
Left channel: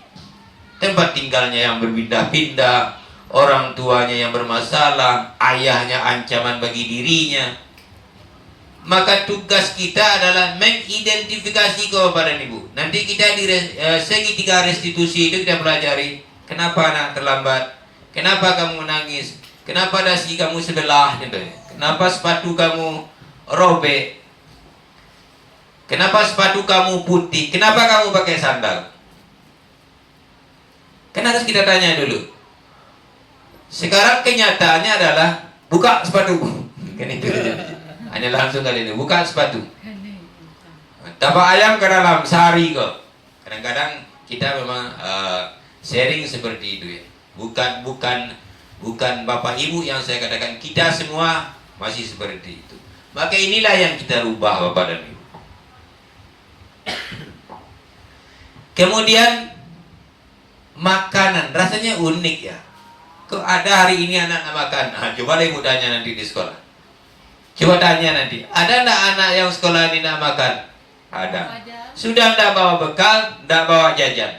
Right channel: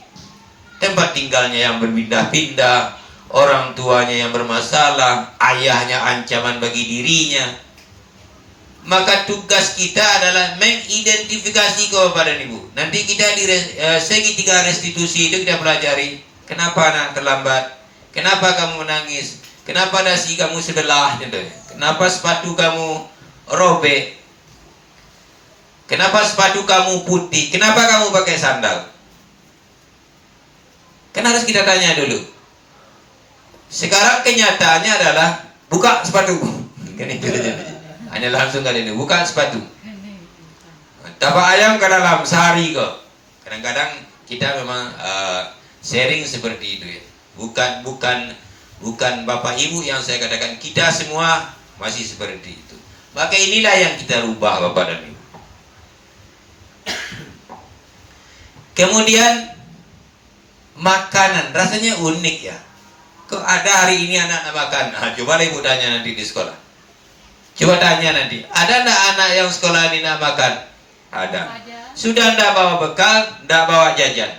tempat tinggalnya yang berpindah-pindah, orang tuanya yang bermasalah, ayahnya ancaman bagi dirinya. Maka tugas kita adalah mengidentifikasi kepada Ibu. Nanti kita di segitiga restitusi itu kita pelajari. Kenapa anak terlambat? Kenapa kamu menangis? Kenapa dasi kamu sebelah? Kenapa sepatu kamu robek? Kenapa sepatu kamu putih? Kenapa kamu pakai sandal? Kan harus kita tanya dulu. Sekarang kenyataannya adalah buka sepatu. Kan itu aja. Hanya langsung kali ini buka sepatu. Tapak ayam ke dalam sehari kok. Kadang-kadang kita memang sharing seperti itu ya. Bukan bapak ibu yang saya katakan, kita semua masih seperti itu. Maka inilah yang kita rubah bapak dan ibu. Kemudian makanan rasanya unik ya. Kok ada hari ini anak makan? Nah, coba deh ibu tanya nanti di sekolah. Coba tanya nanti, ada enggak anak yang sekolah ini nak makan? Ada. Sudah enggak bawa bekal, enggak bawa jajan.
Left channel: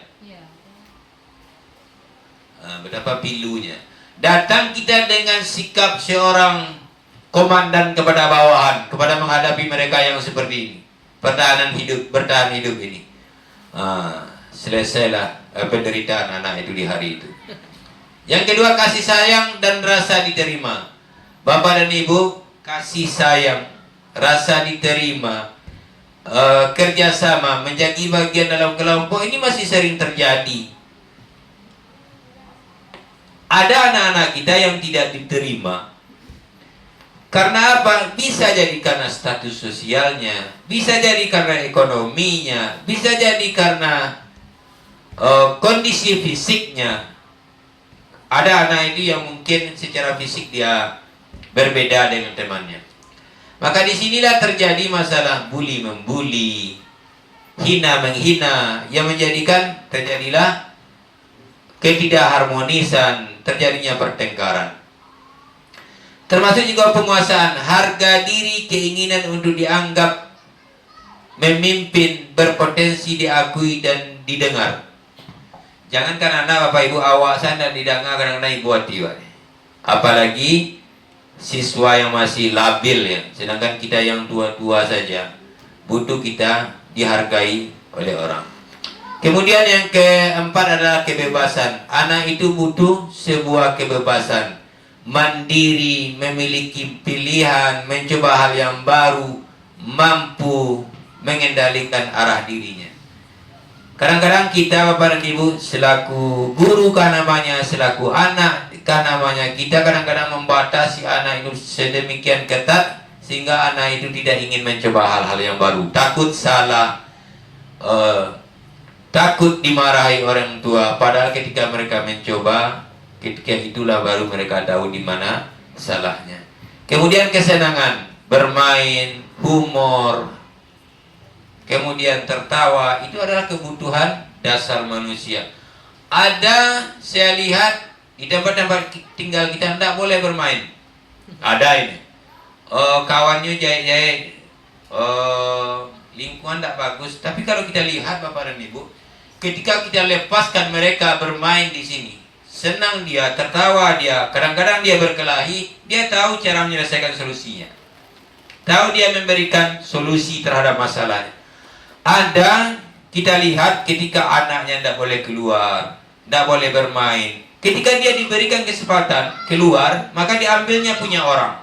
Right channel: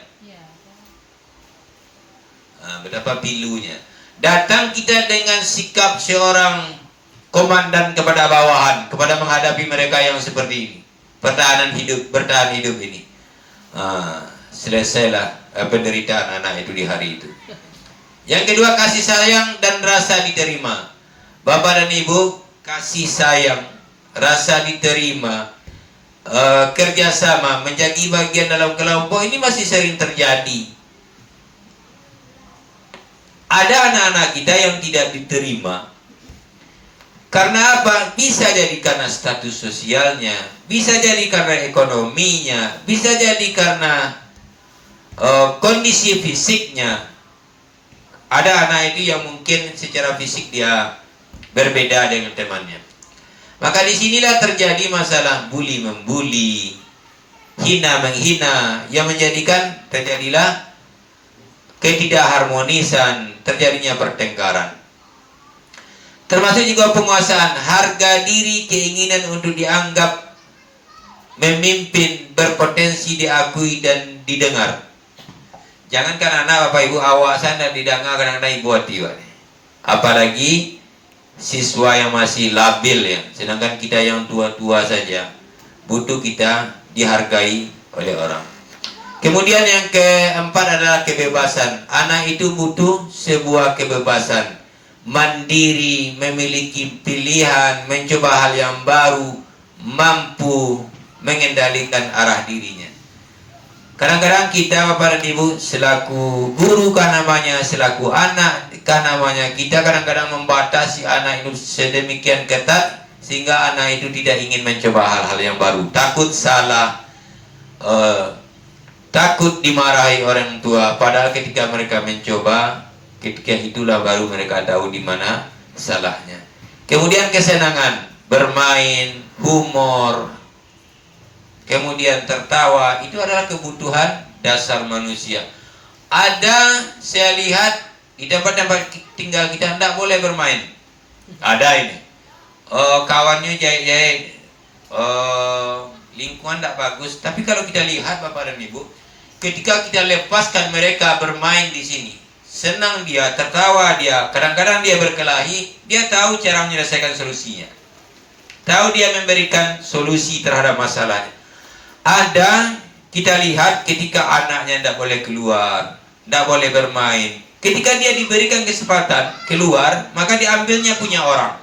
Nah, betapa pilunya. Datang kita dengan sikap seorang komandan kepada bawahan, kepada menghadapi mereka yang seperti ini. Bertahan hidup ini. Selesailah penderitaan anak itu di hari itu. Yang kedua, kasih sayang dan rasa diterima. Bapak dan ibu, kasih sayang, rasa diterima, kerjasama, menjadi bagian dalam kelompok ini masih sering terjadi. Ada anak-anak kita yang tidak diterima. Karena apa? Bisa jadi karena status sosialnya, bisa jadi karena ekonominya, bisa jadi karena kondisi fisiknya. Ada anak itu yang mungkin secara fisik dia berbeda dengan temannya. Maka disinilah terjadi masalah bully membuli, hina menghina, yang menjadikan terjadilah ketidakharmonisan, terjadinya pertengkaran. Termasuk juga penguasaan, harga diri, keinginan untuk dianggap memimpin, berpotensi diakui dan didengar. Jangankan anak bapak ibu, awak sana didengar kadang-kadang ibu hati, apalagi siswa yang masih labil ya. Sedangkan kita yang tua-tua saja butuh kita dihargai oleh orang. Kemudian yang keempat adalah kebebasan. Anak itu butuh sebuah kebebasan, mandiri, memiliki pilihan, mencoba hal yang baru, mampu mengendalikan arah dirinya. Kadang-kadang kita bapak dan ibu selaku guru kah namanya, selaku anak kah namanya, kita kadang-kadang membatasi anak itu sedemikian ketat sehingga anak itu tidak ingin mencoba hal-hal yang baru, takut salah, takut dimarahi orang tua. Padahal ketika mereka mencoba, ketika itulah baru mereka tahu di mana salahnya. Kemudian kesenangan, bermain, humor, kemudian tertawa, itu adalah kebutuhan dasar manusia. Ada, saya lihat di tempat-tempat tinggal kita tidak boleh bermain. Ada ini, kawannya jahit-jahit, lingkungan tidak bagus. Tapi kalau kita lihat bapak dan ibu, ketika kita lepaskan mereka bermain di sini, senang dia, tertawa dia, kadang-kadang dia berkelahi, dia tahu cara menyelesaikan solusinya, tahu dia memberikan solusi terhadap masalahnya. Ada, kita lihat ketika anaknya tidak boleh keluar, tidak boleh bermain, ketika dia diberikan kesempatan keluar, maka diambilnya punya orang.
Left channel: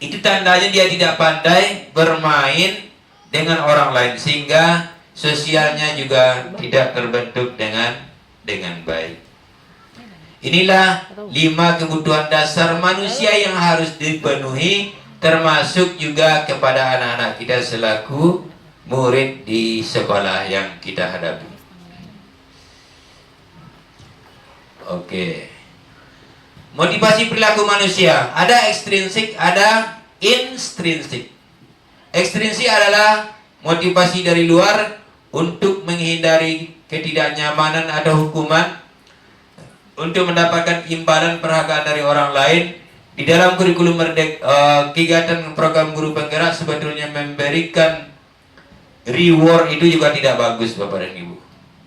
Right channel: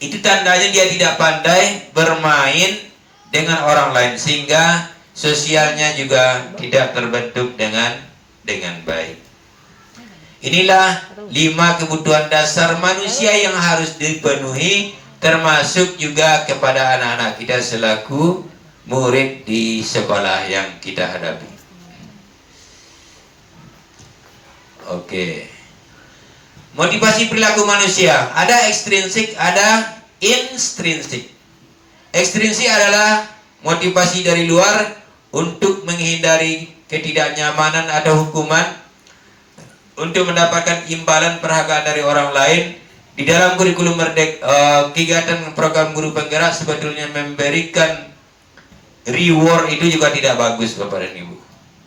Itu tandanya dia tidak pandai bermain dengan orang lain, sehingga sosialnya juga tidak terbentuk dengan baik. Inilah 5 kebutuhan dasar manusia yang harus dipenuhi, termasuk juga kepada anak-anak kita selaku murid di sekolah yang kita hadapi. Oke. Motivasi perilaku manusia, ada ekstrinsik, ada intrinsik. Ekstrinsik adalah motivasi dari luar untuk menghindari ketidaknyamanan atau hukuman, untuk mendapatkan imbalan perhargaan dari orang lain. Di dalam kurikulum kegiatan program guru penggerak sebetulnya memberikan reward itu juga tidak bagus bapak dan ibu.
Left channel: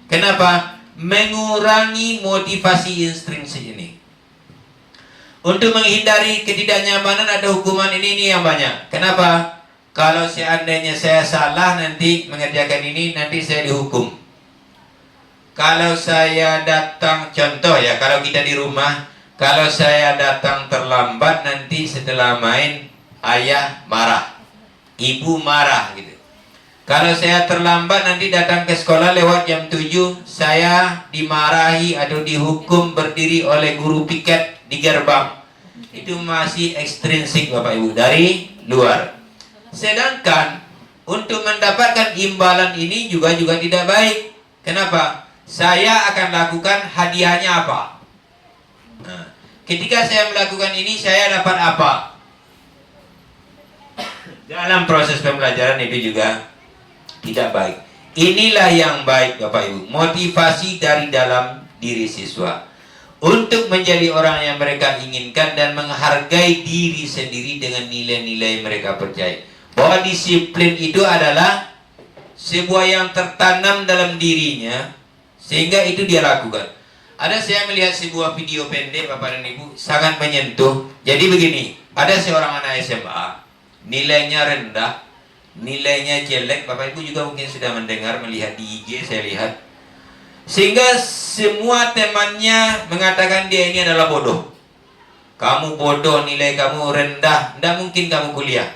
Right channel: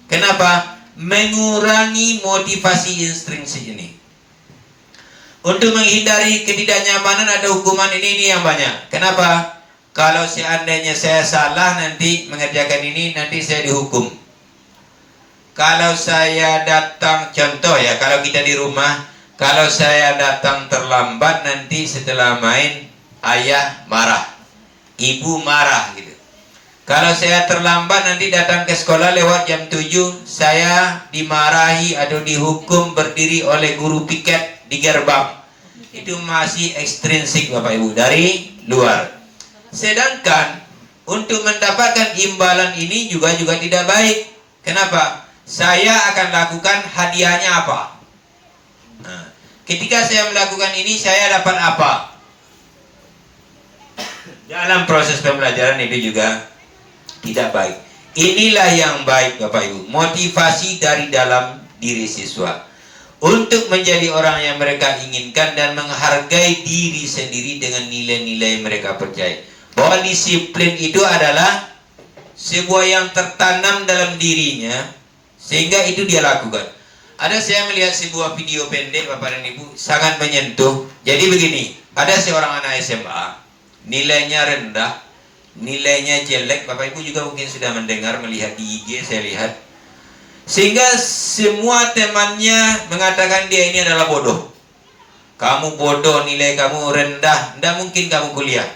Kenapa? Mengurangi motivasi intrinsik ini. Untuk menghindari ketidaknyamanan atau hukuman ini yang banyak. Kenapa? Kalau seandainya saya salah nanti mengerjakan ini, nanti saya dihukum. Kalau saya datang, contoh ya, kalau kita di rumah, kalau saya datang terlambat nanti setelah main ayah marah. ibu marah gitu. Kalau saya terlambat nanti datang ke sekolah lewat jam 7, saya dimarahi atau dihukum berdiri oleh guru piket di gerbang. Itu masih ekstrinsik Bapak Ibu, dari luar. Sedangkan untuk mendapatkan imbalan ini juga tidak baik. Kenapa? Saya akan lakukan hadiahnya apa? Nah, ketika saya melakukan ini, saya dapat apa? Dalam proses pembelajaran itu juga tidak baik. Inilah yang baik Bapak Ibu, motivasi dari dalam diri siswa untuk menjadi orang yang mereka inginkan dan menghargai diri sendiri dengan nilai-nilai yang mereka percaya. Bahwa disiplin itu adalah sebuah yang tertanam dalam dirinya, sehingga itu dia lakukan. Ada saya melihat sebuah video pendek Bapak dan Ibu, sangat menyentuh. Jadi begini, ada seorang anak SMA, nilainya rendah, nilainya jelek. Bapak Ibu juga mungkin sudah mendengar, melihat di IG saya lihat. Sehingga semua temannya mengatakan dia ini adalah bodoh. Kamu bodoh, nilai kamu rendah, tidak mungkin kamu kuliah.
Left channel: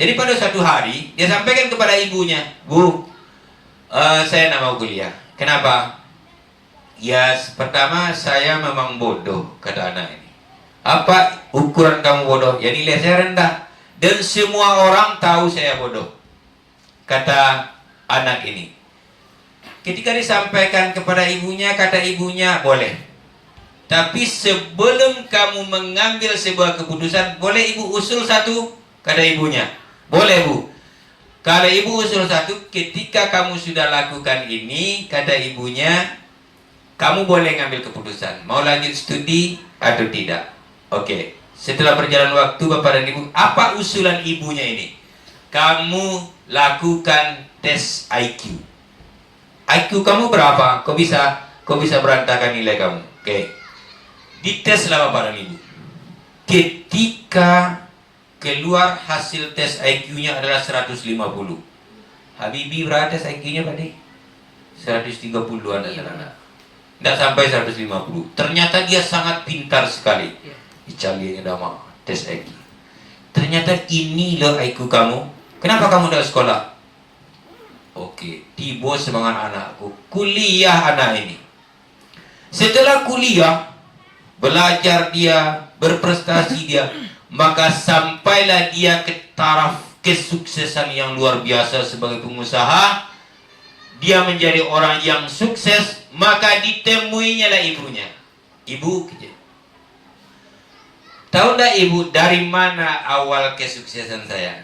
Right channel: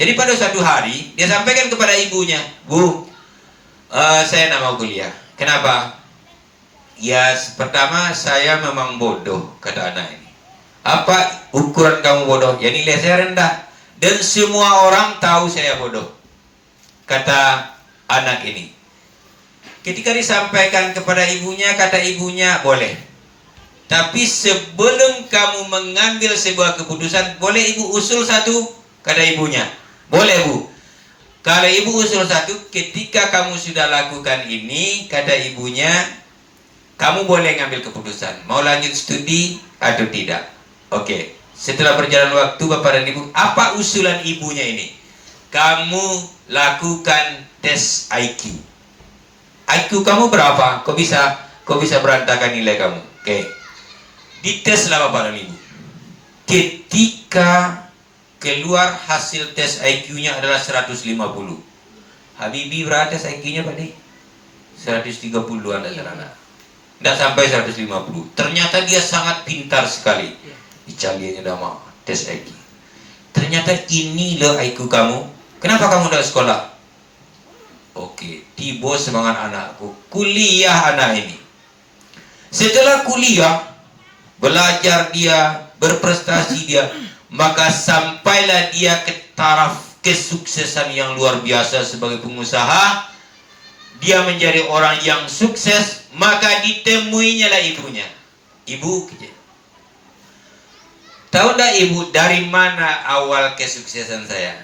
Jadi pada suatu hari dia sampaikan kepada ibunya, Bu, saya tidak mau kuliah. Kenapa? Ya, pertama saya memang bodoh, kata anak ini. Apa ukuran kamu bodoh? Ya nilai saya rendah. Dan semua orang tahu saya bodoh, kata anak ini. Ketika disampaikan kepada ibunya, kata ibunya, boleh. Tapi sebelum kamu mengambil sebuah keputusan, boleh ibu usul satu, kata ibunya. Boleh Bu. Kalau ibu usul satu, ketika kamu sudah lakukan ini, kata ibunya, kamu boleh ngambil keputusan. Mau lanjut studi atau tidak. Oke. Setelah berjalan waktu Bapak dan Ibu, apa usulan ibunya ini? Kamu lakukan tes IQ. IQ kamu berapa? Kok bisa berantakan nilai kamu? Oke. Dites lah Bapak dan Ibu. Ketika keluar hasil tes IQ-nya adalah 150. Habibie berapa tes IQ-nya Pak Dik? 130-an anak-anak. Tidak sampai 150. Ternyata dia sangat pintar sekali. Dicalinya nama tes IQ. Ternyata ini loh IQ kamu. Kenapa kamu tidak sekolah? Oke, tiba semangat anakku. Kuliah anak ini. Setelah kuliah, belajar dia, berprestasi dia, maka sampailah dia ke taraf kesuksesan yang luar biasa sebagai pengusaha. Dia menjadi orang yang sukses, maka ditemuinya lah ibunya. Ibu, tahu tak ibu dari mana awal kesuksesan saya?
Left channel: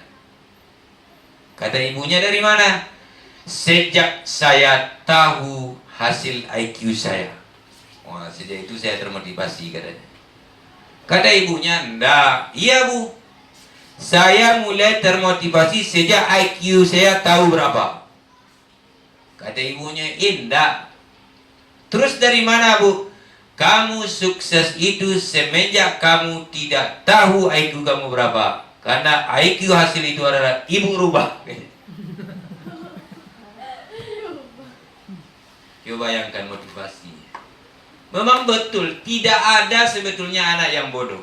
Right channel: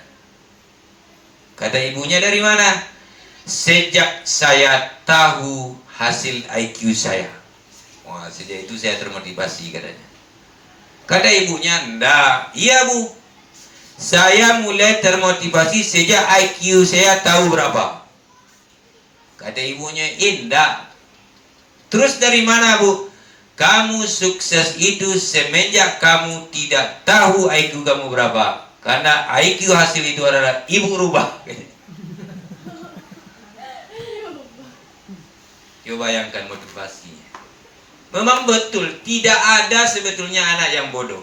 Kata ibunya, dari mana? Sejak saya tahu hasil IQ saya. Wah, sejak itu saya termotivasi katanya. Kata ibunya, enggak. Iya Bu, saya mulai termotivasi sejak IQ saya tahu berapa. Kata ibunya, enggak. Terus dari mana Bu? Kamu sukses itu semenjak kamu tidak tahu IQ kamu berapa. Karena IQ hasil itu adalah ibu rubah. Coba bayangkan motivasinya. Memang betul, tidak ada sebetulnya anak yang bodoh.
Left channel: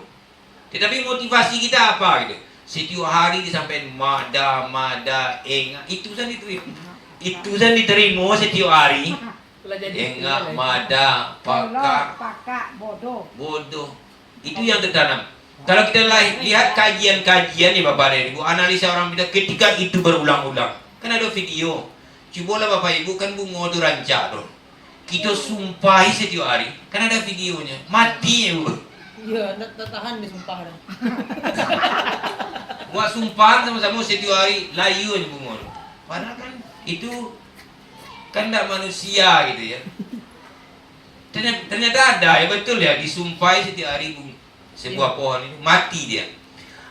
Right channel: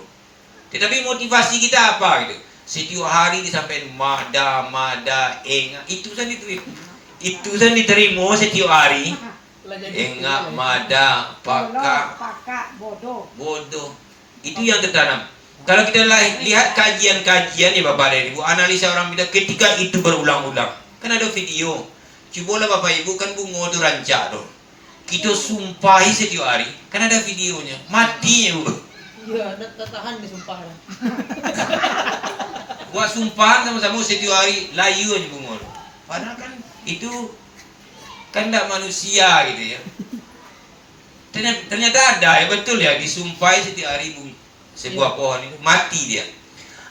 Tetapi motivasi kita apa gitu? Setiap hari disampaikan mada, enggak. Itu kan diterima setiap hari. Enggak, mada, pakak, bodoh. Itu yang tertanam. Kalau kita lihat kajian-kajian ya Bapak dan Ibu, analisa orang kita ketika itu berulang-ulang. Kan ada video. Cobalah Bapak Ibu, kan bunga itu rancak tuh. Kita sumpahi setiap hari. Kan ada videonya. Mati ya Bu. Iya, tak tahan disumpah. Buat sumpah sama-sama setiap hari layu aja bunga. Padahal kan itu kan tidak manusia gitu ya. Ternyata ada ya, betul ya, disumpahi setiap hari sebuah pohon itu mati dia.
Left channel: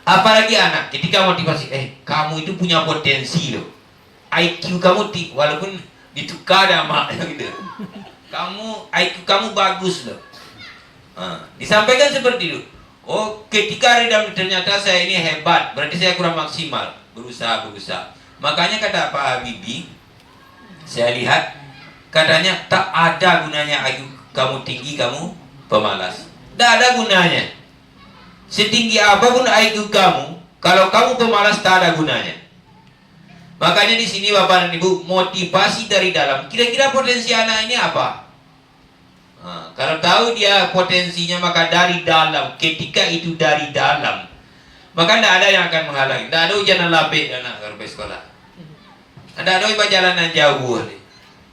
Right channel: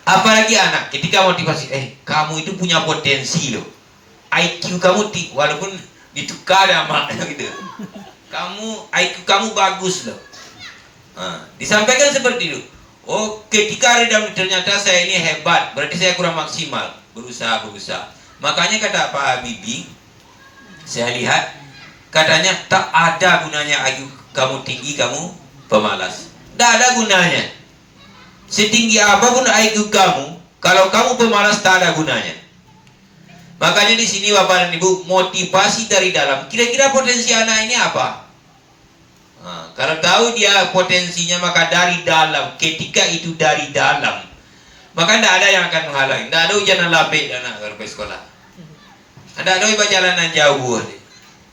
Apalagi anak ketika motivasi, kamu itu punya potensi loh. IQ kamu walaupun ditukar sama gitu. IQ kamu bagus loh. Disampaikan seperti itu. Oh, ketika ternyata saya ini hebat, berarti saya kurang maksimal. Berusaha. Makanya kata Pak Habibie, saya lihat katanya tak ada gunanya IQ kamu tinggi, kamu pemalas. Tak ada gunanya. Setinggi apapun IQ kamu, kalau kamu pemalas tak ada gunanya. Makanya di sini Bapak dan Ibu, motivasi dari dalam. Kira-kira potensi anak ini apa? Nah, kalau tahu dia potensinya maka dari dalam. Ketika itu dari dalam, maka tidak ada yang akan menghalangi. Tidak ada hujan labik anak kalau ke sekolah. Tidak ada perjalanan jauh.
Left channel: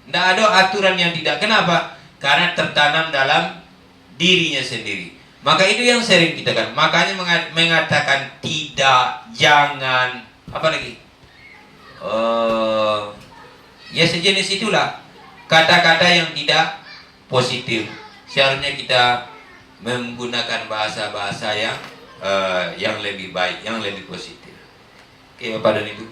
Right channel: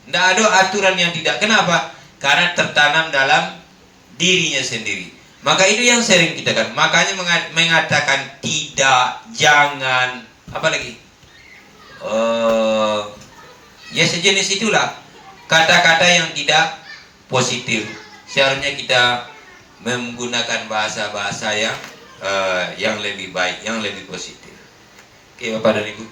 Tidak ada aturan yang tidak. Kenapa? Karena tertanam dalam dirinya sendiri. Maka itu yang sering kita kan. Makanya mengatakan tidak, jangan, apa lagi? Ya sejenis itulah kata-kata yang tidak positif. Seharusnya kita menggunakan bahasa-bahasa yang lebih baik, yang lebih positif. Oke, Bapak dan Ibu.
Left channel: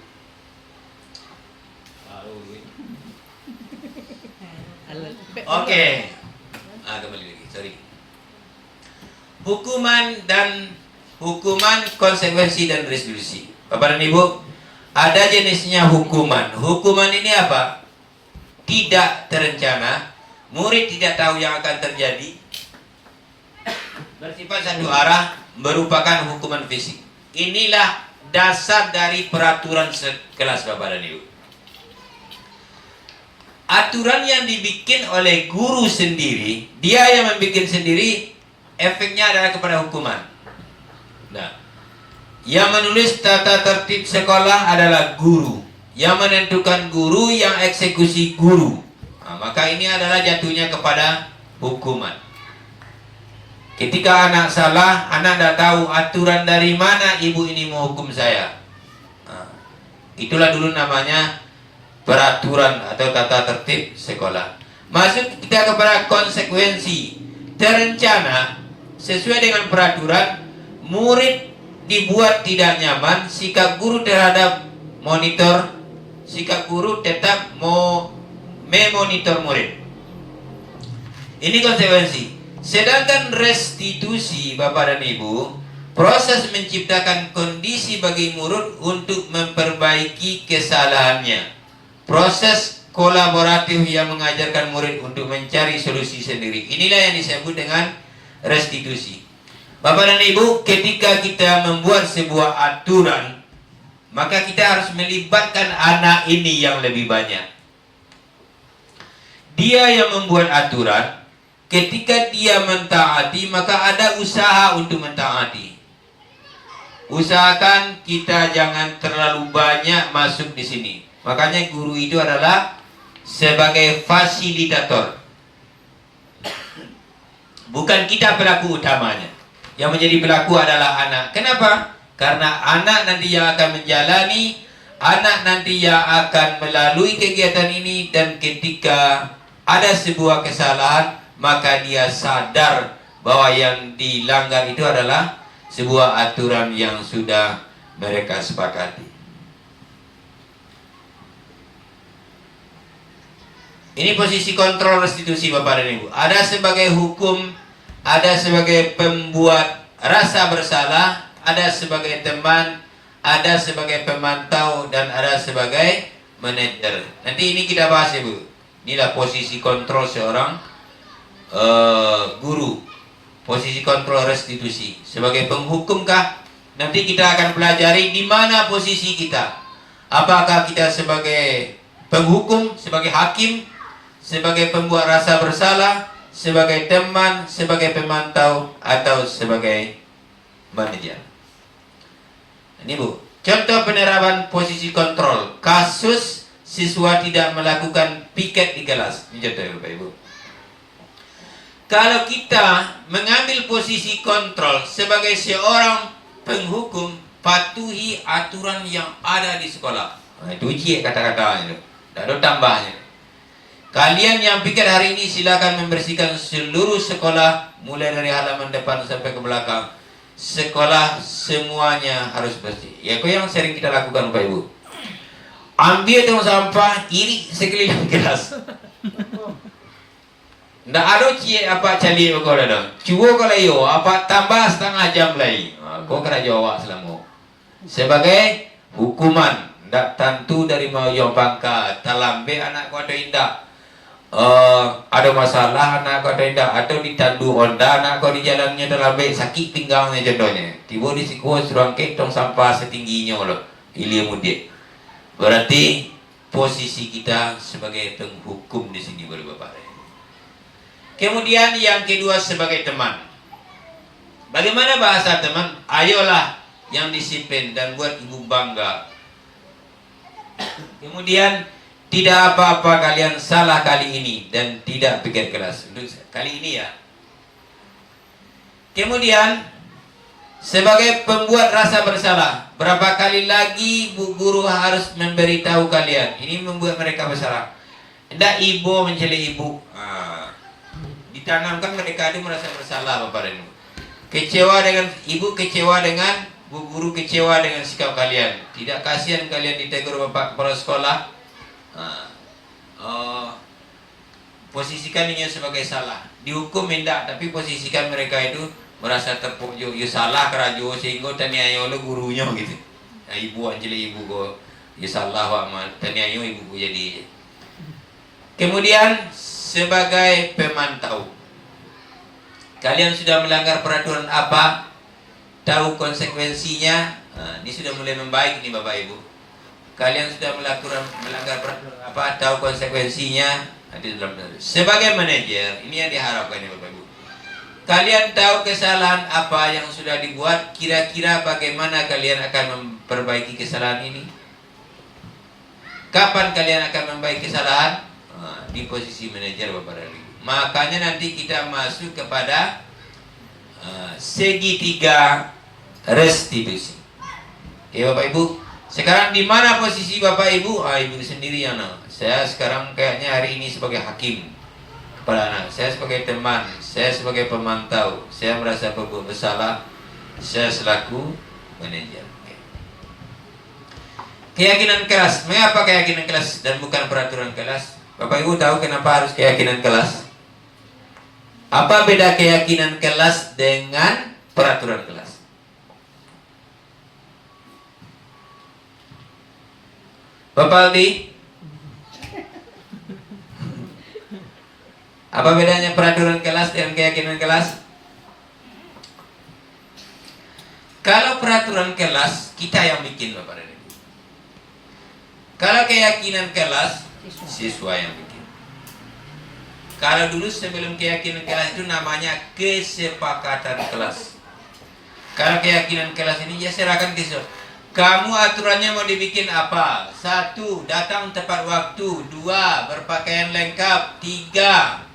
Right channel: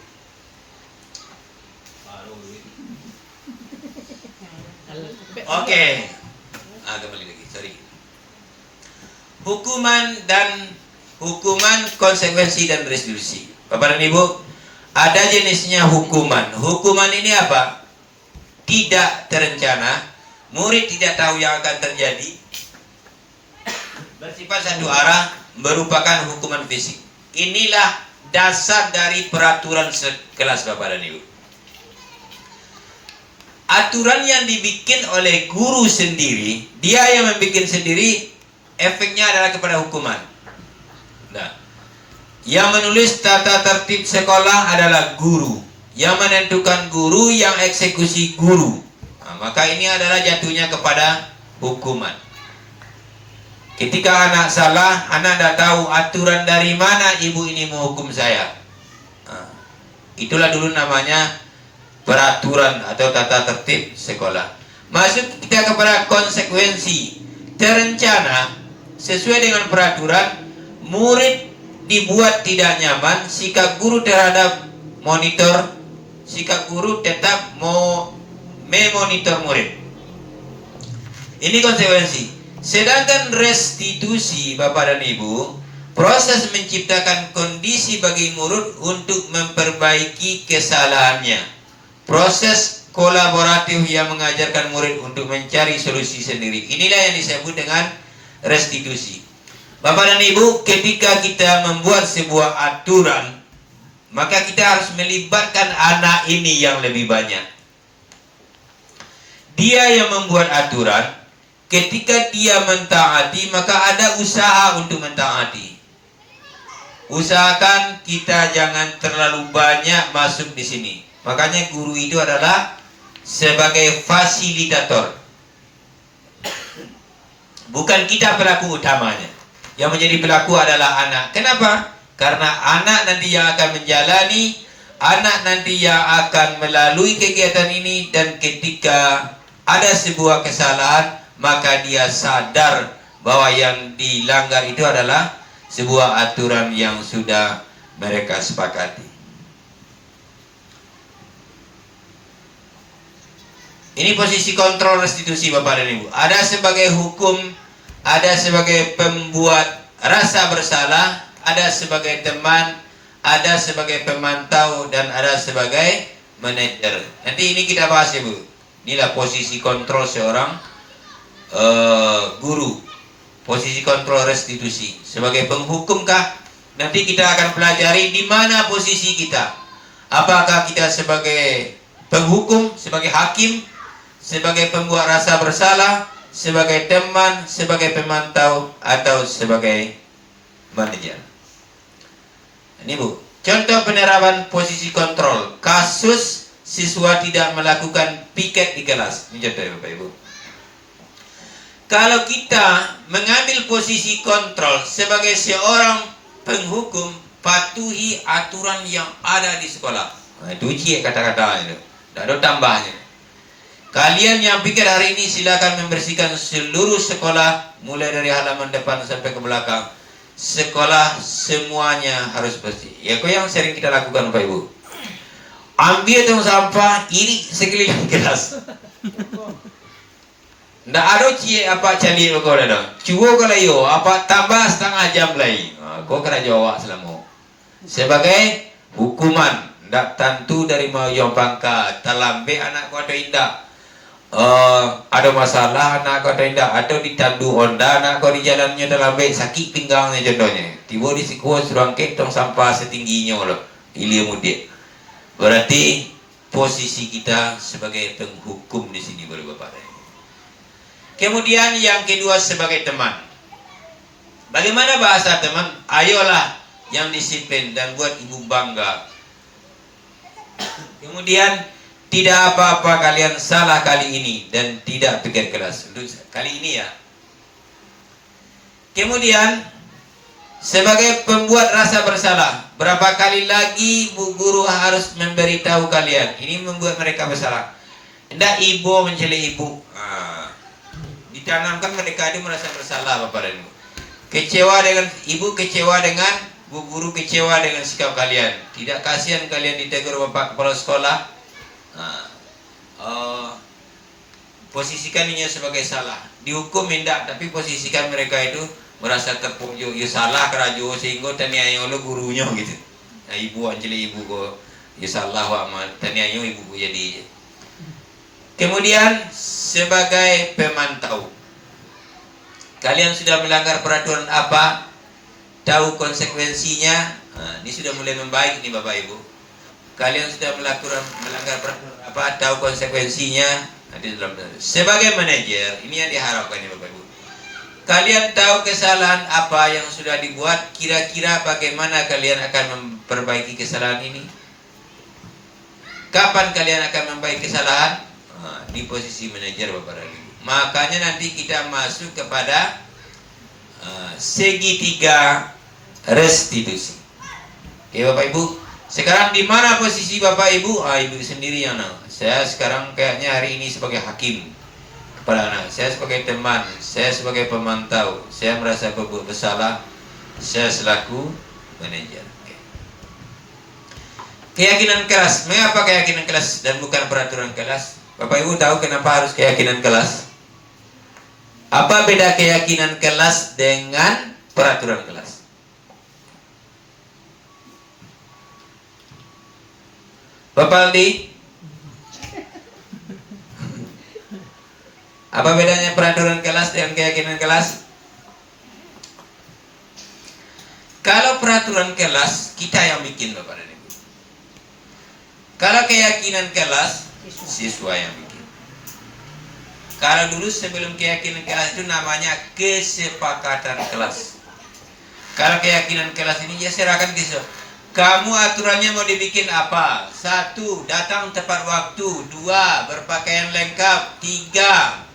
Oke. Kembali lagi, sorry. Hukuman, konsekuensi dan restitusi. Bapak dan Ibu, ada jenisnya hukuman. Hukuman ini apa? Tidak terencana, murid tidak tahu yang akan terjadi, bersifat satu arah, merupakan hukuman fisik. Inilah dasar dari peraturan sekelas Bapak dan Ibu. Aturan yang dibikin oleh guru sendiri, dia yang membuat sendiri, efeknya adalah kepada hukuman. Nah, yang menulis tata tertib sekolah adalah guru. Yang menentukan guru, yang eksekusi guru. Nah, maka ini adalah jatuhnya kepada hukuman. Ketika anak salah, anak tidak tahu aturan dari mana ibu ini menghukum saya. Nah, itulah dulu namanya peraturan atau tata tertib sekolah. Masuk kita kepada konsekuensi. Terencana, sesuai dengan peraturan, murid dibuat tidak nyaman, sikap guru terhadap monitor, sikap guru tetap memonitor murid. Ini konsekuensi. Sedangkan restitusi, Bapak dan Ibu, proses menciptakan kondisi bagi murid untuk memperbaiki kesalahannya. Proses kolaboratif yang mengajarkan murid untuk mencari solusi sendiri. Inilah yang disebut dengan restitusi. Bapak dan Ibu, ketika kita membuat sebuah aturan, maka kita harus melibatkan anak ini yang lebih banyak. Dia yang membuat aturan, ketika dia mentaati, maka ada usaha untuk mentaati. Usahakan kita jangan terlalu banyak masuk di sini. Makanya guru itu adalah sebagai fasilitator. Bukan kita pelaku utamanya. Yang menjadi pelaku adalah anak. Kenapa? Karena anak nanti yang akan menjalani, anak nanti yang akan melalui kegiatan ini, dan ketika ada sebuah kesalahan, maka dia sadar bahwa yang dilanggar itu adalah sebuah aturan yang sudah mereka sepakati. Ini posisi kontrol restitusi Bapak dan Ibu. Ada sebagai hukum, ada sebagai pembuat rasa bersalah, ada sebagai teman, ada sebagai pemantau, dan ada sebagai manajer. Nanti ini kita bahas ya Bu. Inilah posisi kontrol seorang guru. Posisi kontrol restitusi. Sebagai penghukumkah? Nanti kita akan pelajari di mana posisi kita. Apakah kita sebagai penghukum, sebagai hakim, sebagai pembuat rasa bersalah, sebagai teman, sebagai pemantau, atau sebagai manajer. Ini Bu, contoh penerapan posisi kontrol. Kasus siswa tidak melakukan piket di kelas. Ini contoh ya Bapak Ibu. Kalau kita mengambil posisi kontrol sebagai seorang penghukum, patuhi aturan yang ada di sekolah. Nah, itu uji kata-katanya. Tidak ada tambahnya. Kalian yang pikir hari ini silakan membersihkan seluruh sekolah, mulai dari halaman depan sampai ke belakang. Sekolah semuanya harus bersih. Ya, kok yang sering kita lakukan Bapak Ibu. Ambil tong sampah, iri sekeliling kelas. Ndak ada cie apa cali kau dah. Cuba kalau yo apa tambah setengah jam lagi. Kau kena jawab selama. Sebagai hukuman, ndak tentu dari mau yang bangka talambe anak kau ada indah. Ada masalah anak kau tidak, atau ditandu onda anak kau di jalannya dalam sakit pinggangnya contohnya, tiba di sikuah suruh ketong sampah setingginya loh, ilmu dia. Berarti posisi kita sebagai penghukum di sini boleh Bapak. Kemudian yang kedua sebagai teman. Bagaimana bahasa teman? Ayolah yang disiplin dan buat ibu bangga. Kemudian tidak apa-apa kalian salah kali ini dan tidak pikir keras. Untuk kali ini ya. Kemudian sebagai pembuat rasa bersalah, berapa kali lagi bu guru harus memberitahu kalian? Ini membuat mereka bersalah. Hendak ibu mencela ibu, ditanamkan mereka itu merasa bersalah Bapak dan Ibu. Kecewa dengan ibu, kecewa dengan bu guru, kecewa dengan sikap kalian. Tidak kasihan kalian ditegur Bapak kepala sekolah. Posisikan ini sebagai salah. Dihukum hendak, tapi posisikan mereka itu merasa terpojok, ya salah kerajo sehingga taniayo lo gurunya gitu. Nah, ibu anjeli ibu ko, ya salah wa taniayo ibu ko jadi. Kemudian sebagai pemantau, kalian sudah melanggar peraturan apa? Tahu konsekuensinya? Nah, ini sudah mulai membaik nih Bapak Ibu. Kalian sudah melanggar peraturan apa? Tahu konsekuensinya? Nanti dalam sebagai manajer, ini yang diharapkan nih Bapak Ibu. Kalian tahu kesalahan apa yang sudah dibuat, kira-kira bagaimana kalian akan memperbaiki kesalahan ini? Kapan kalian akan memperbaiki kesalahan? Di posisi manajer Bapak dan Ibu. Makanya nanti kita masuk kepada segitiga restitusi. Oke Bapak Ibu. Sekarang di mana posisi Bapak Ibu? Ibu sendiri yang saya sekarang kayaknya hari ini sebagai hakim. Kepala anak, saya sebagai teman, saya sebagai pemantau, saya merasa berbuat bersalah, saya selaku manajer. Keyakinan kelas, mengapa keyakinan kelas dan bukan peraturan kelas? Bapak Ibu tahu kenapa harus keyakinan kelas? Apa beda keyakinan kelas dengan peraturan kelas? Bapak Aldi? Apa bedanya peraturan kelas dengan keyakinan kelas? Kalau peraturan kelas, kita yang bikin Bapak dan Ibu. Kalau keyakinan kelas, siswa yang bikin. Kalau dulu sebelum keyakinan kelas itu namanya kesepakatan kelas. Kalau keyakinan kelas ini ya serahkan ke siswa. Kamu aturannya mau dibikin apa? 1. Datang tepat waktu. 2. Berpakaian lengkap. 3.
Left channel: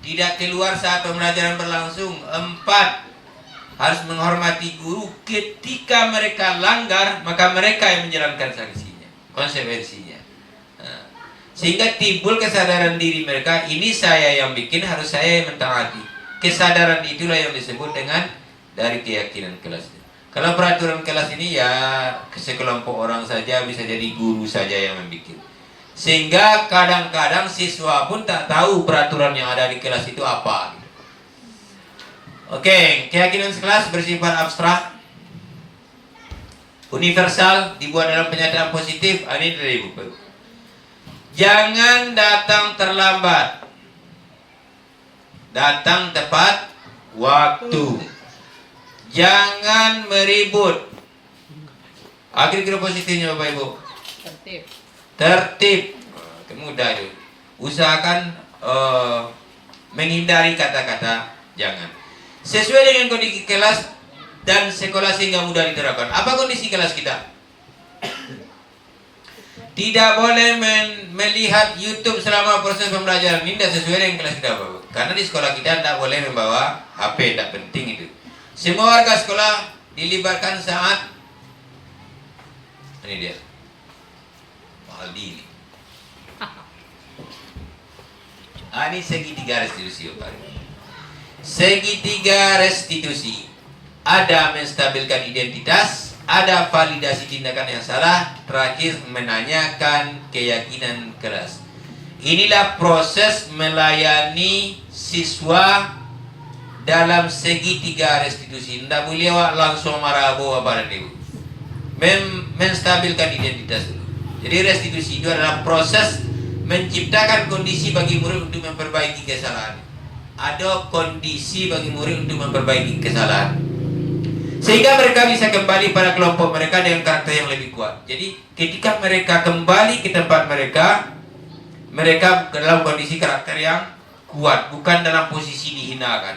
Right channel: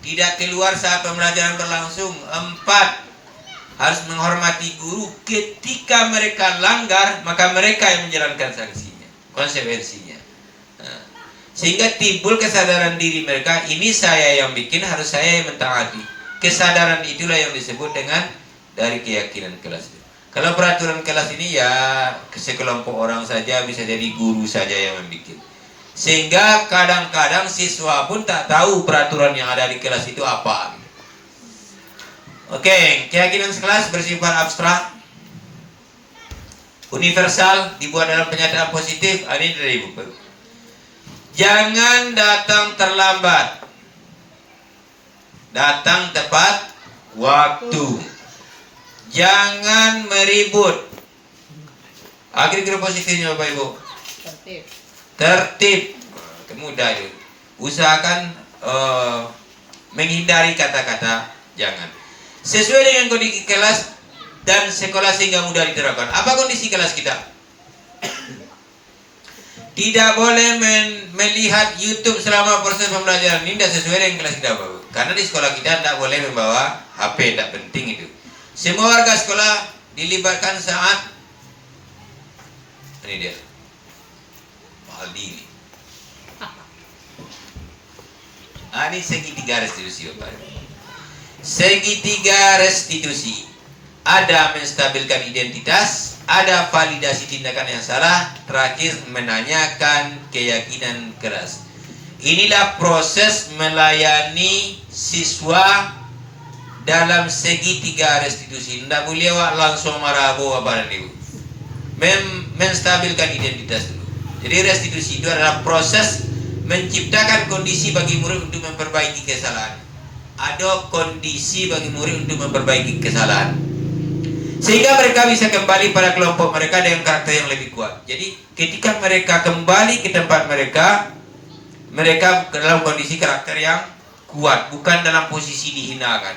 Tidak keluar saat pembelajaran berlangsung. 4. Harus menghormati guru. Ketika mereka langgar, maka mereka yang menjalankan sanksinya, konsekuensinya. Sehingga timbul kesadaran diri mereka, ini saya yang bikin, harus saya yang mentaati. Kesadaran itulah yang disebut dengan dari keyakinan kelas. Kalau peraturan kelas ini ya sekelompok orang saja, bisa jadi guru saja yang membuat. Sehingga kadang-kadang siswa pun tak tahu peraturan yang ada di kelas itu apa. Oke, keyakinan kelas bersifat abstrak, universal, dibuat dalam pernyataan positif. Ini dari buku. Jangan datang terlambat, datang tepat waktu. Jangan meribut. Akhir-akhir positifnya Bapak Ibu. Tertib. Mudah itu. Usahakan menghindari kata-kata jangan. Sesuai dengan kondisi kelas dan sekolah sehingga mudah diterapkan. Apa kondisi kelas kita? Tidak boleh melihat YouTube selama proses pembelajaran. Ini tidak sesuai dengan kelas kita Bapak. Karena di sekolah kita tidak boleh membawa HP, tidak penting itu. Semua warga sekolah dilibatkan saat ini dia Aldi ini. Ini segitiga restitusi Bapak. Segitiga restitusi. Ada menstabilkan identitas, ada validasi tindakan yang salah, terakhir menanyakan keyakinan keras. Inilah proses melayani siswa dalam segitiga restitusi. Tidak boleh langsung marah Bapak dan Ibu. Menstabilkan identitas dulu. Jadi restitusi itu adalah proses menciptakan kondisi bagi murid untuk memperbaiki kesalahan. Ada kondisi bagi murid untuk memperbaiki kesalahan. Sehingga mereka bisa kembali pada kelompok mereka dengan karakter yang lebih kuat. Jadi ketika mereka kembali ke tempat mereka, mereka dalam kondisi karakter yang kuat, bukan dalam posisi dihinakan.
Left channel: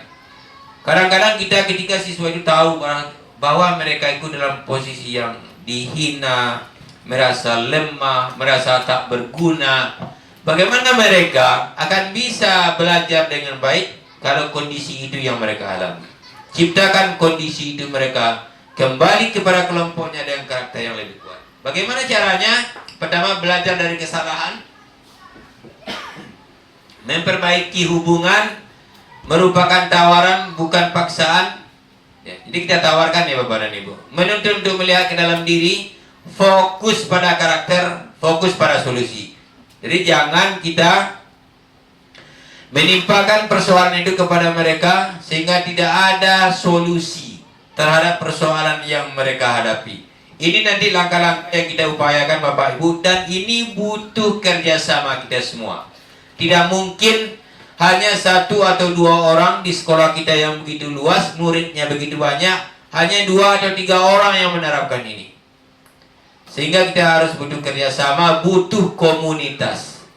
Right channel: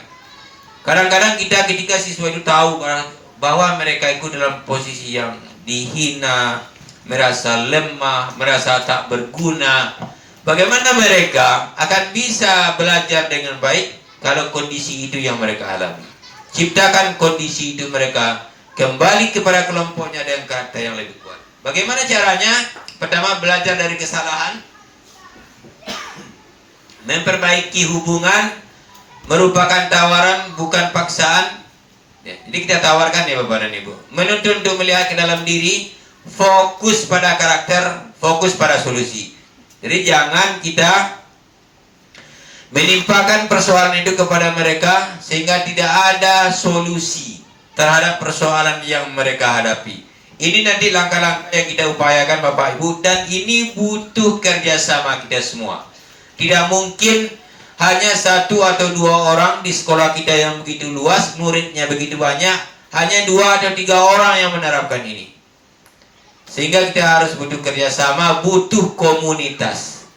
Kadang-kadang kita ketika siswa itu tahu bahwa mereka itu dalam posisi yang dihina, merasa lemah, merasa tak berguna, bagaimana mereka akan bisa belajar dengan baik kalau kondisi itu yang mereka alami? Ciptakan kondisi itu mereka kembali kepada kelompoknya dengan karakter yang lebih kuat. Bagaimana caranya? Pertama, belajar dari kesalahan, memperbaiki hubungan, merupakan tawaran bukan paksaan. Ya, jadi kita tawarkan ya Bapak dan Ibu, menuntut untuk melihat ke dalam diri, fokus pada karakter, fokus pada solusi. Jadi jangan kita menimpakan persoalan itu kepada mereka sehingga tidak ada solusi terhadap persoalan yang mereka hadapi. Ini nanti langkah-langkah yang kita upayakan Bapak Ibu, dan ini butuh kerjasama kita semua. Tidak mungkin hanya 1 atau 2 orang di sekolah kita yang begitu luas, muridnya begitu banyak, hanya 2 atau 3 orang yang menerapkan ini. Sehingga kita harus butuh kerjasama, butuh komunitas,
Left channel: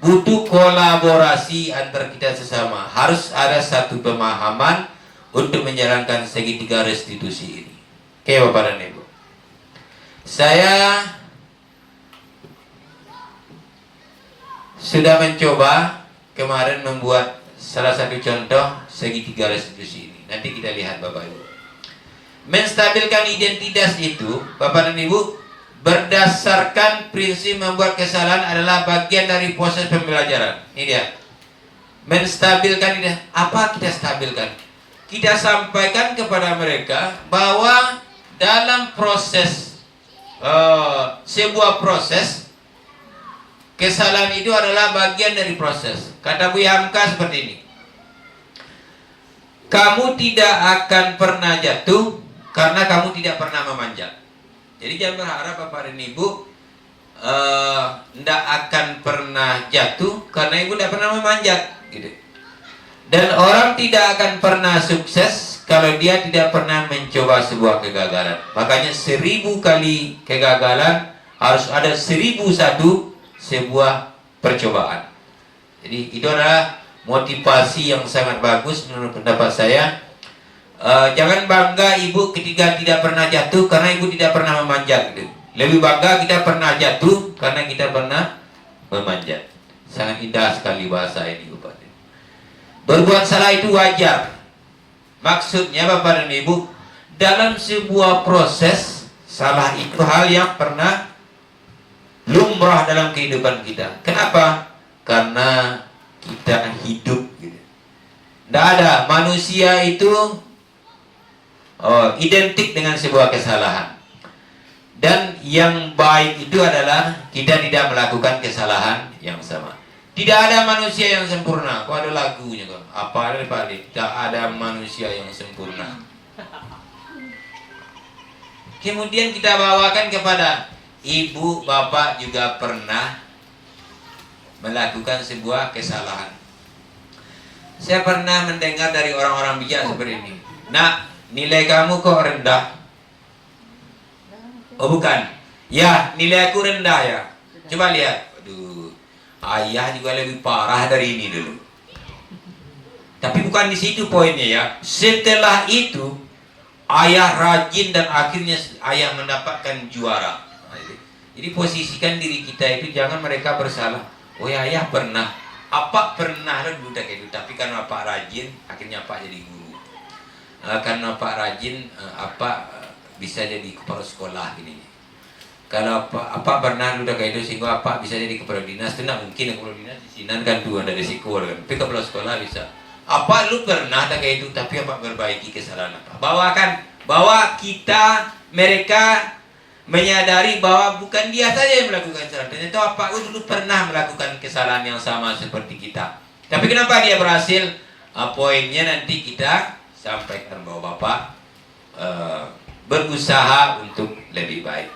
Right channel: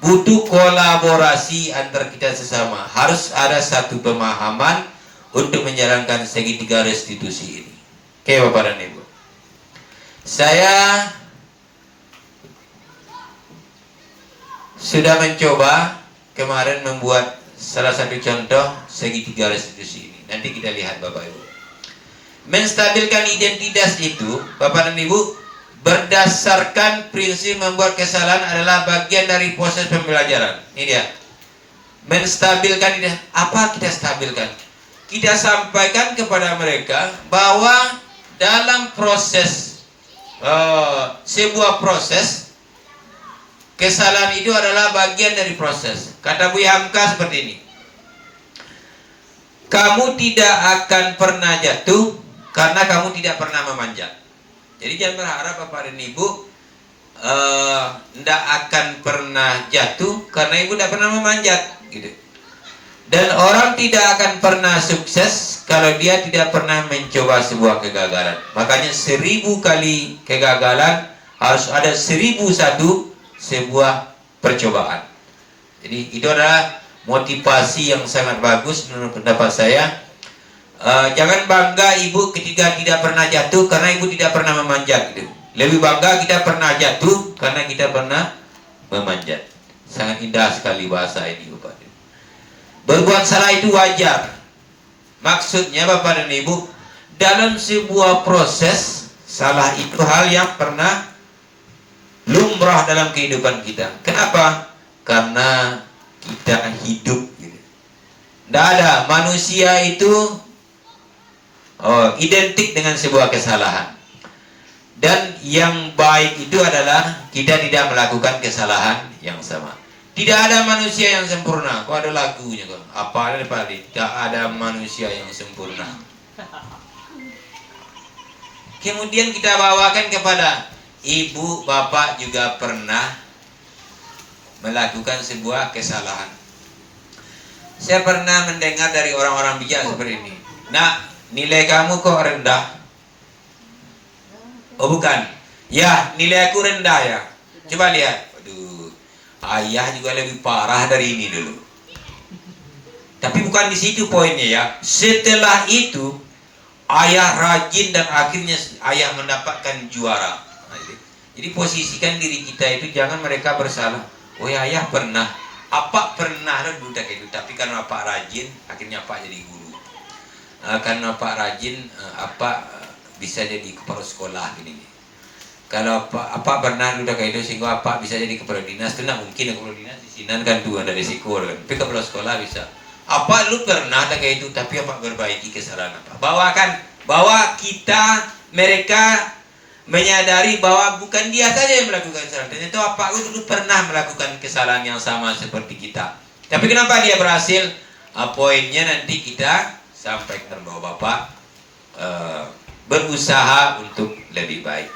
butuh kolaborasi antar kita sesama. Harus ada satu pemahaman untuk menjalankan segitiga restitusi ini. Oke Bapak dan Ibu, saya sudah mencoba kemarin membuat salah satu contoh segitiga restitusi ini. Nanti kita lihat Bapak Ibu. Menstabilkan identitas itu Bapak dan Ibu, berdasarkan prinsip membuat kesalahan adalah bagian dari proses pembelajaran. Ini dia. Menstabilkan ini. Apa kita stabilkan? Kita sampaikan kepada mereka bahwa dalam proses sebuah proses, kesalahan itu adalah bagian dari proses. Kata Bu Hamka seperti ini. Kamu tidak akan pernah jatuh karena kamu tidak pernah memanjat. Jadi jangan berharap Bapak dan Ibu tidak akan pernah jatuh karena Ibu tidak pernah memanjat gitu. Dan orang tidak akan pernah sukses kalau dia tidak pernah mencoba sebuah kegagalan. Makanya 1000 kali kegagalan harus ada 1001 sebuah percobaan. Jadi itu adalah motivasi yang sangat bagus menurut pendapat saya. Jangan bangga ibu ketika tidak pernah jatuh karena ibu tidak pernah memanjat gitu. Lebih bangga kita pernah jatuh karena kita pernah memanjat. Sangat indah sekali bahasa ini Bapak. Berbuat salah itu wajar. Maksudnya Bapak dan Ibu, dalam sebuah proses, salah itu hal yang pernah lumrah dalam kehidupan kita. Kenapa? Karena kita hidup gitu. Tidak ada manusia itu identik dengan sebuah kesalahan. Dan yang baik itu adalah kita tidak melakukan kesalahan yang sama. Tidak ada manusia yang sempurna. Kok ada lagunya kok? Apa ada? Tidak ada manusia yang sempurna. Kemudian kita bawakan kepada ibu, bapak juga pernah melakukan sebuah kesalahan. Saya pernah mendengar dari orang-orang bijak seperti ini. Nak, nilai kamu kok rendah? Oh bukan. Ya, nilai aku rendah ya. Coba lihat. Aduh, ayah juga lebih parah dari ini dulu. Tapi bukan di situ poinnya ya. Setelah itu, ayah rajin dan akhirnya ayah mendapatkan juara. Jadi posisikan diri kita itu jangan mereka bersalah. Oh ya, ayah pernah. Apa pernah dulu kayak itu. Tapi karena Pak rajin, akhirnya Pak jadi guru. Karena Pak rajin, bisa jadi kepala sekolah ini. Kalau apa pernah udah kayak itu sehingga apa bisa jadi kepala dinas itu nak mungkin kepala dinas di sini kan tuh ada risiko kan. Tapi kepala sekolah bisa. Apa lu pernah ada kayak itu tapi apa perbaiki kesalahan apa? Bahwa mereka menyadari bahwa bukan dia saja yang melakukan kesalahan. Dan itu apa lu dulu pernah melakukan kesalahan yang sama seperti kita. Tapi kenapa dia berhasil? Poinnya nanti kita sampaikan bahwa Bapak berusaha untuk lebih baik.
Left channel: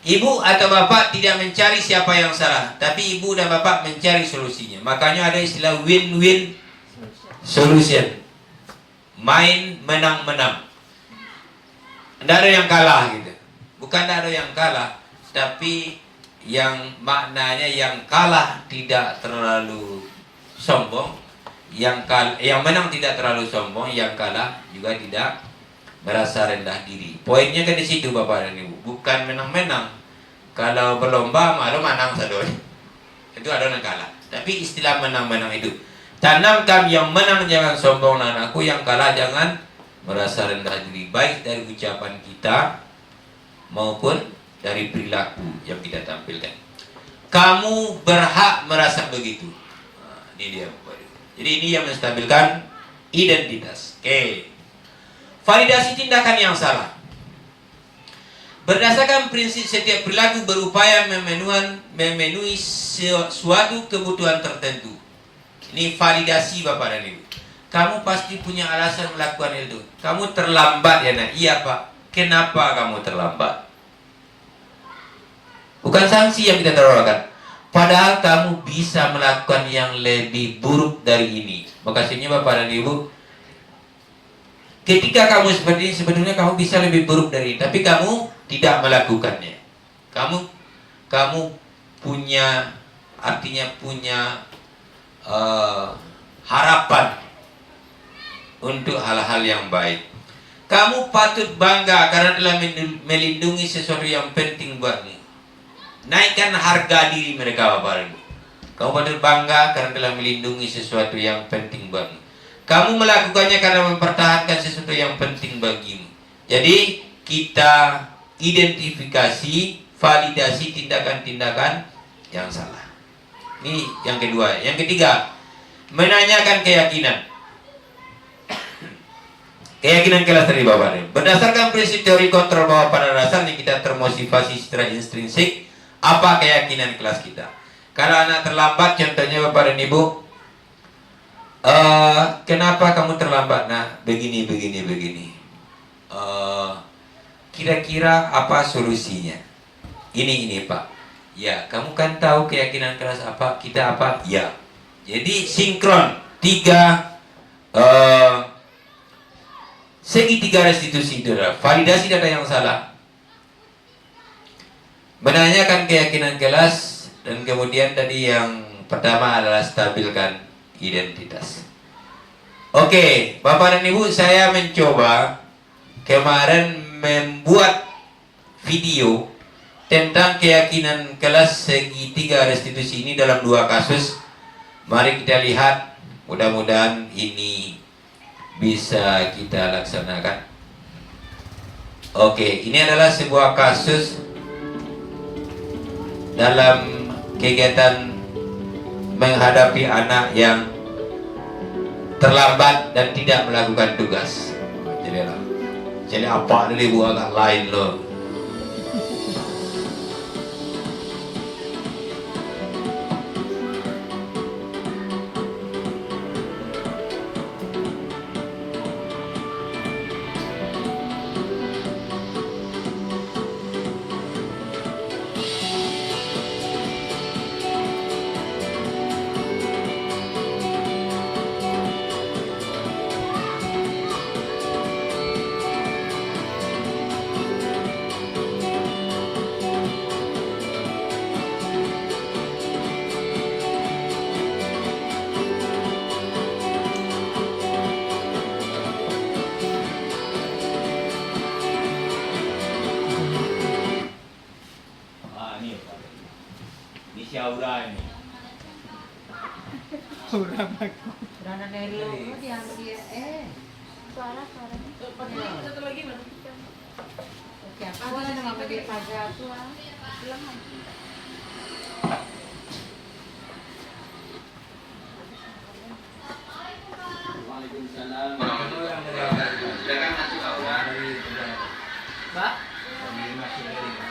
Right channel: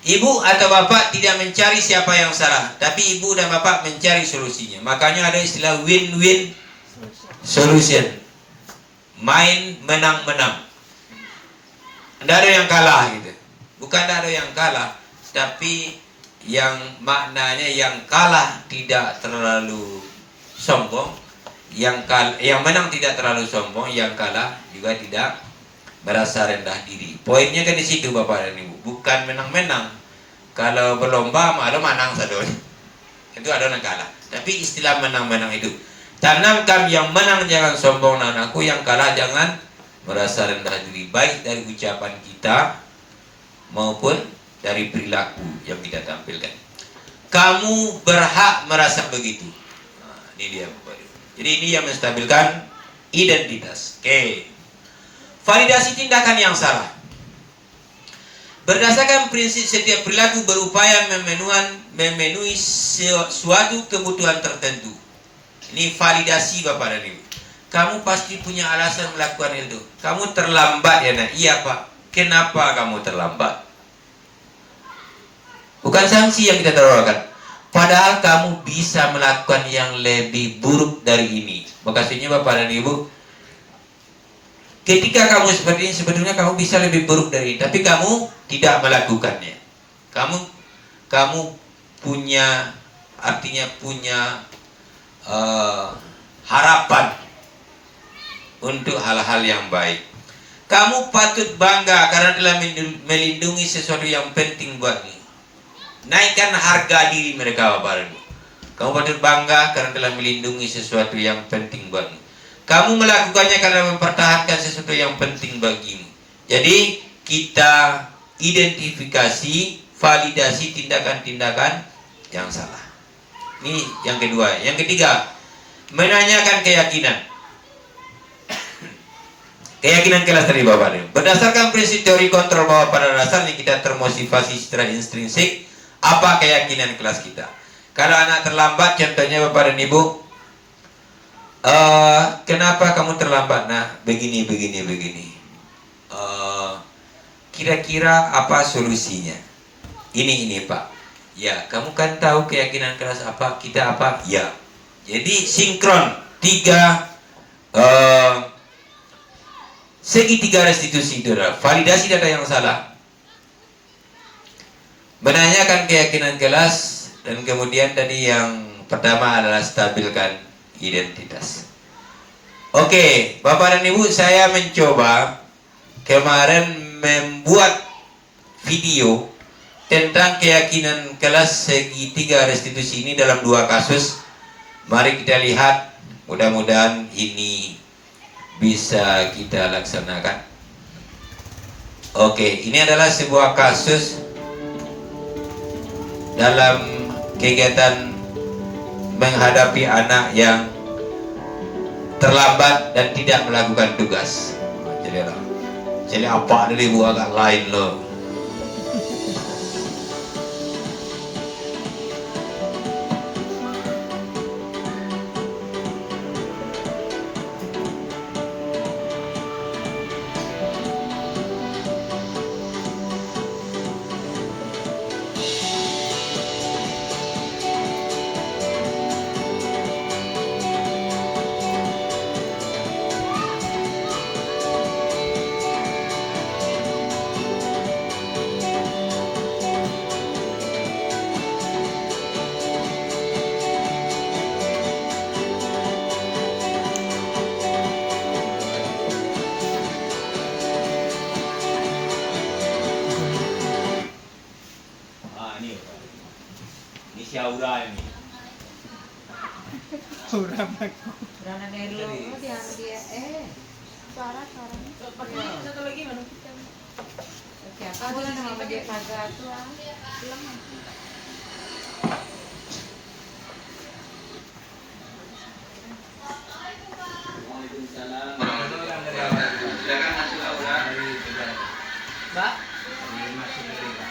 Ibu atau bapak tidak mencari siapa yang salah, tapi ibu dan bapak mencari solusinya. Makanya ada istilah win-win solution. Main menang-menang. Tidak ada yang kalah gitu. Bukan tidak ada yang kalah, tapi yang maknanya yang kalah tidak terlalu sombong, yang menang tidak terlalu sombong, yang kalah juga tidak merasa rendah diri. Poinnya kan di situ Bapak dan Ibu, bukan menang-menang. Kalau berlomba malu menang satu, itu ada yang kalah. Tapi istilah menang-menang itu, tanamkan yang menang jangan sombong anakku, yang kalah jangan merasa rendah diri, baik dari ucapan kita maupun dari perilaku yang kita tampilkan. Kamu berhak merasa begitu. Nah, ini dia. Jadi ini yang menstabilkan identitas. Oke. Validasi tindakan yang salah. Berdasarkan prinsip setiap perilaku berupaya memenuhi suatu kebutuhan tertentu. Ini validasi Bapak dan Ibu. Kamu pasti punya alasan melakukan itu. Kamu terlambat ya nak? Iya Pak. Kenapa kamu terlambat? Bukan sanksi yang kita tawarkan. Padahal kamu bisa melakukan yang lebih buruk dari ini. Makasihnya Bapak dan Ibu, ketika kamu seperti ini sebetulnya kamu bisa lebih buruk dari ini, tapi kamu tidak melakukannya. Kamu punya, artinya punya harapan untuk hal-hal yang baik. Kamu patut bangga karena telah melindungi sesuatu yang penting buatmu. Naikkan harga diri mereka Bapak Ibu. Kamu patut bangga karena telah melindungi sesuatu yang penting buatmu. Kamu melakukannya karena mempertahankan sesuatu yang penting bagimu. Jadi kita identifikasi, validasi tindakan-tindakan yang salah. Ini yang kedua. Yang ketiga, menanyakan keyakinan. Keyakinan kelas tadi Bapak Ibu. Berdasarkan prinsip teori kontrol bahwa pada dasarnya kita termotivasi secara intrinsik. Apa keyakinan kelas kita? Kalau anak terlambat, contohnya Bapak dan Ibu, kenapa kamu terlambat? Nah, begini. Kira-kira apa solusinya? Ini Pak. Ya, kamu kan tahu keyakinan kelas apa? Kita apa? Ya. Jadi sinkron segitiga restitusi itu. Validasi data yang salah. Menanyakan keyakinan kelas, dan kemudian tadi yang pertama adalah stabilkan identitas. Oke, Bapak dan Ibu, saya mencoba kemarin membuat video tentang keyakinan kelas segitiga restitusi ini dalam 2 kasus. Mari kita lihat, mudah-mudahan ini bisa kita laksanakan. Oke, ini adalah sebuah kasus dalam kegiatan menghadapi anak yang terlambat dan tidak melakukan tugas. Jadi apa dari Bu agak lain loh. Syaura ini. Aura bagus. Rana Nelo. Dia suaranya. Satu lagi mana? Siapa dia nama dia kagak tuh. Pulang. Waalaikumsalam warahmatullahi wabarakatuh. Silakan masuk Aura. Pak. Masuk dari Pak.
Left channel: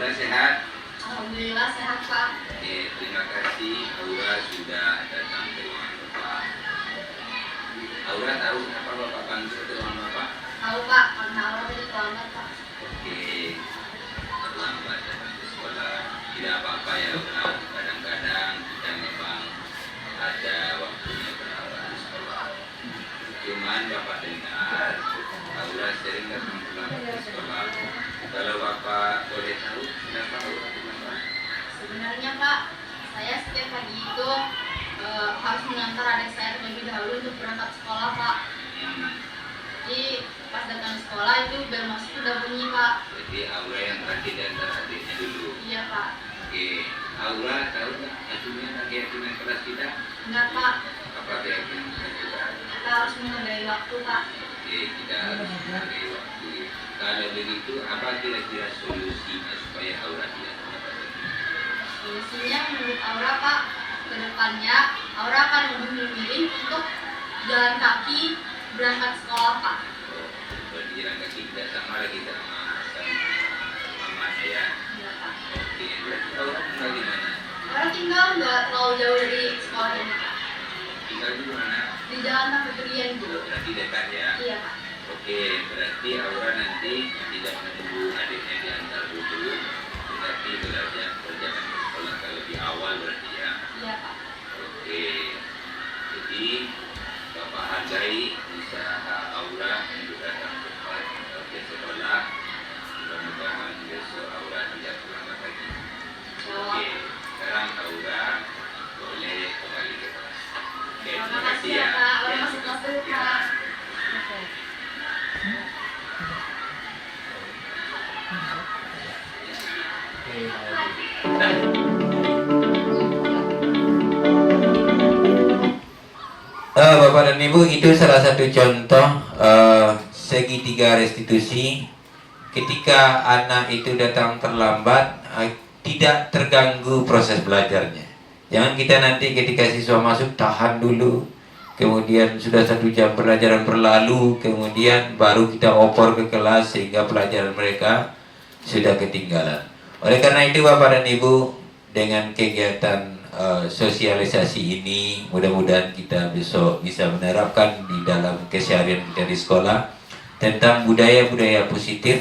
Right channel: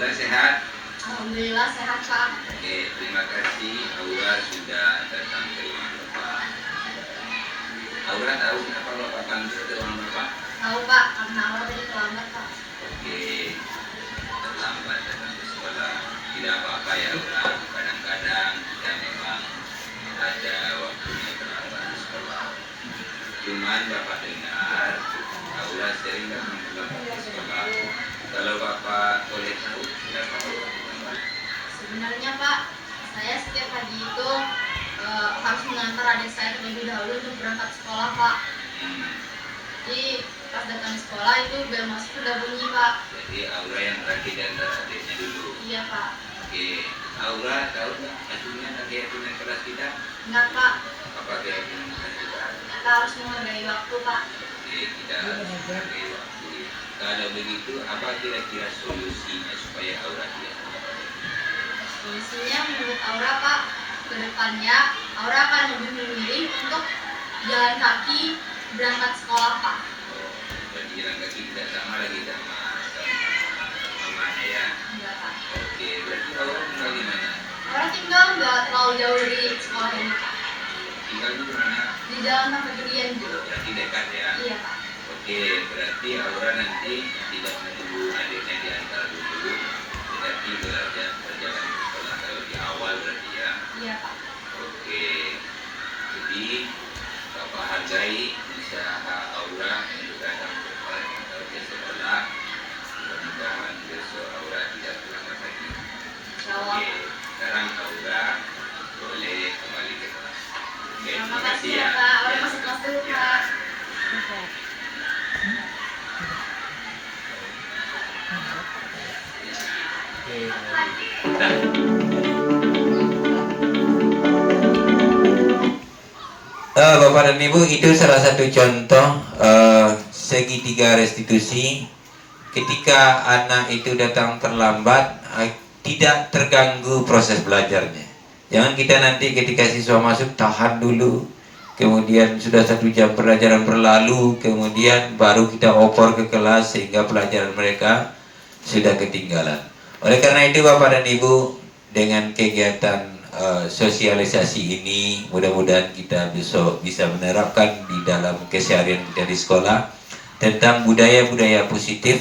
Aura sehat? Alhamdulillah sehat Pak. Oke, terima kasih Aura sudah datang ke ruangan Bapak. Aura tahu kenapa Bapak panggil ke ruangan Bapak? Tahu Pak, karena Aura tadi terlambat Pak. Oke, terlambat datang ke sekolah. Tidak apa-apa ya Aura, kadang-kadang kita memang ada waktunya terlambat di sekolah. Cuman Bapak dengar, Aura sering datang terlambat ke sekolah. Kalau Bapak boleh tahu, kenapa Aura terlambat? Sebenarnya Pak, saya setiap pagi itu harus mengantar adik saya terlebih dahulu untuk berangkat sekolah Pak. Jadi pas datang sekolah itu bel masuk udah bunyi Pak. Jadi Aura yang terakhir dan adiknya dulu. Iya Pak. Oke, Aura tahu nggak hasilnya keyakinan keras kita? Enggak Pak, Apa keyakinan keras kita? kita harus menghargai waktu Pak. Oke, kita harus menghargai waktu. Kalau begitu, apa kira-kira solusinya supaya Aura tidak terlambat? Solusinya menurut Aura Pak, ke depannya Aura akan lebih memilih untuk jalan kaki berangkat sekolah Pak. Oh, berarti jalan kaki tidak sama lagi sama mamanya ya. Iya Pak. Oke, berarti Aura tinggal di mana? Aura tinggal nggak terlalu jauh dari sekolah ini Pak. Tinggal di mana? Di jalan Nafedurian Oh, gitu. berarti dekat ya. Iya Pak. Oke, berarti Aura nanti tidak menunggu adiknya diantar dulu, tetapi belajar perjalanan ke sekolah lebih awal berarti ya. Iya Pak. Oke, jadi Bapak hargai usaha Aura untuk datang cepat ke sekolah. Mudah-mudahan besok Aura tidak terlambat lagi. Insyaallah. Oke, sekarang Aura boleh kembali ke kelas. Oke, Terima kasih ya Pak. Aura masuk kelas dulu Pak. Bapak dan Ibu, itu salah satu contoh segitiga restitusi. Ketika anak itu datang terlambat, tidak terganggu proses belajarnya. Jangan kita nanti ketika siswa masuk tahan dulu, kemudian sudah 1 jam pelajaran berlalu, kemudian baru kita opor ke kelas sehingga pelajaran mereka sudah ketinggalan. Oleh karena itu Bapak dan Ibu, dengan kegiatan sosialisasi ini mudah-mudahan kita besok bisa menerapkan di dalam keseharian kita di sekolah tentang budaya-budaya positif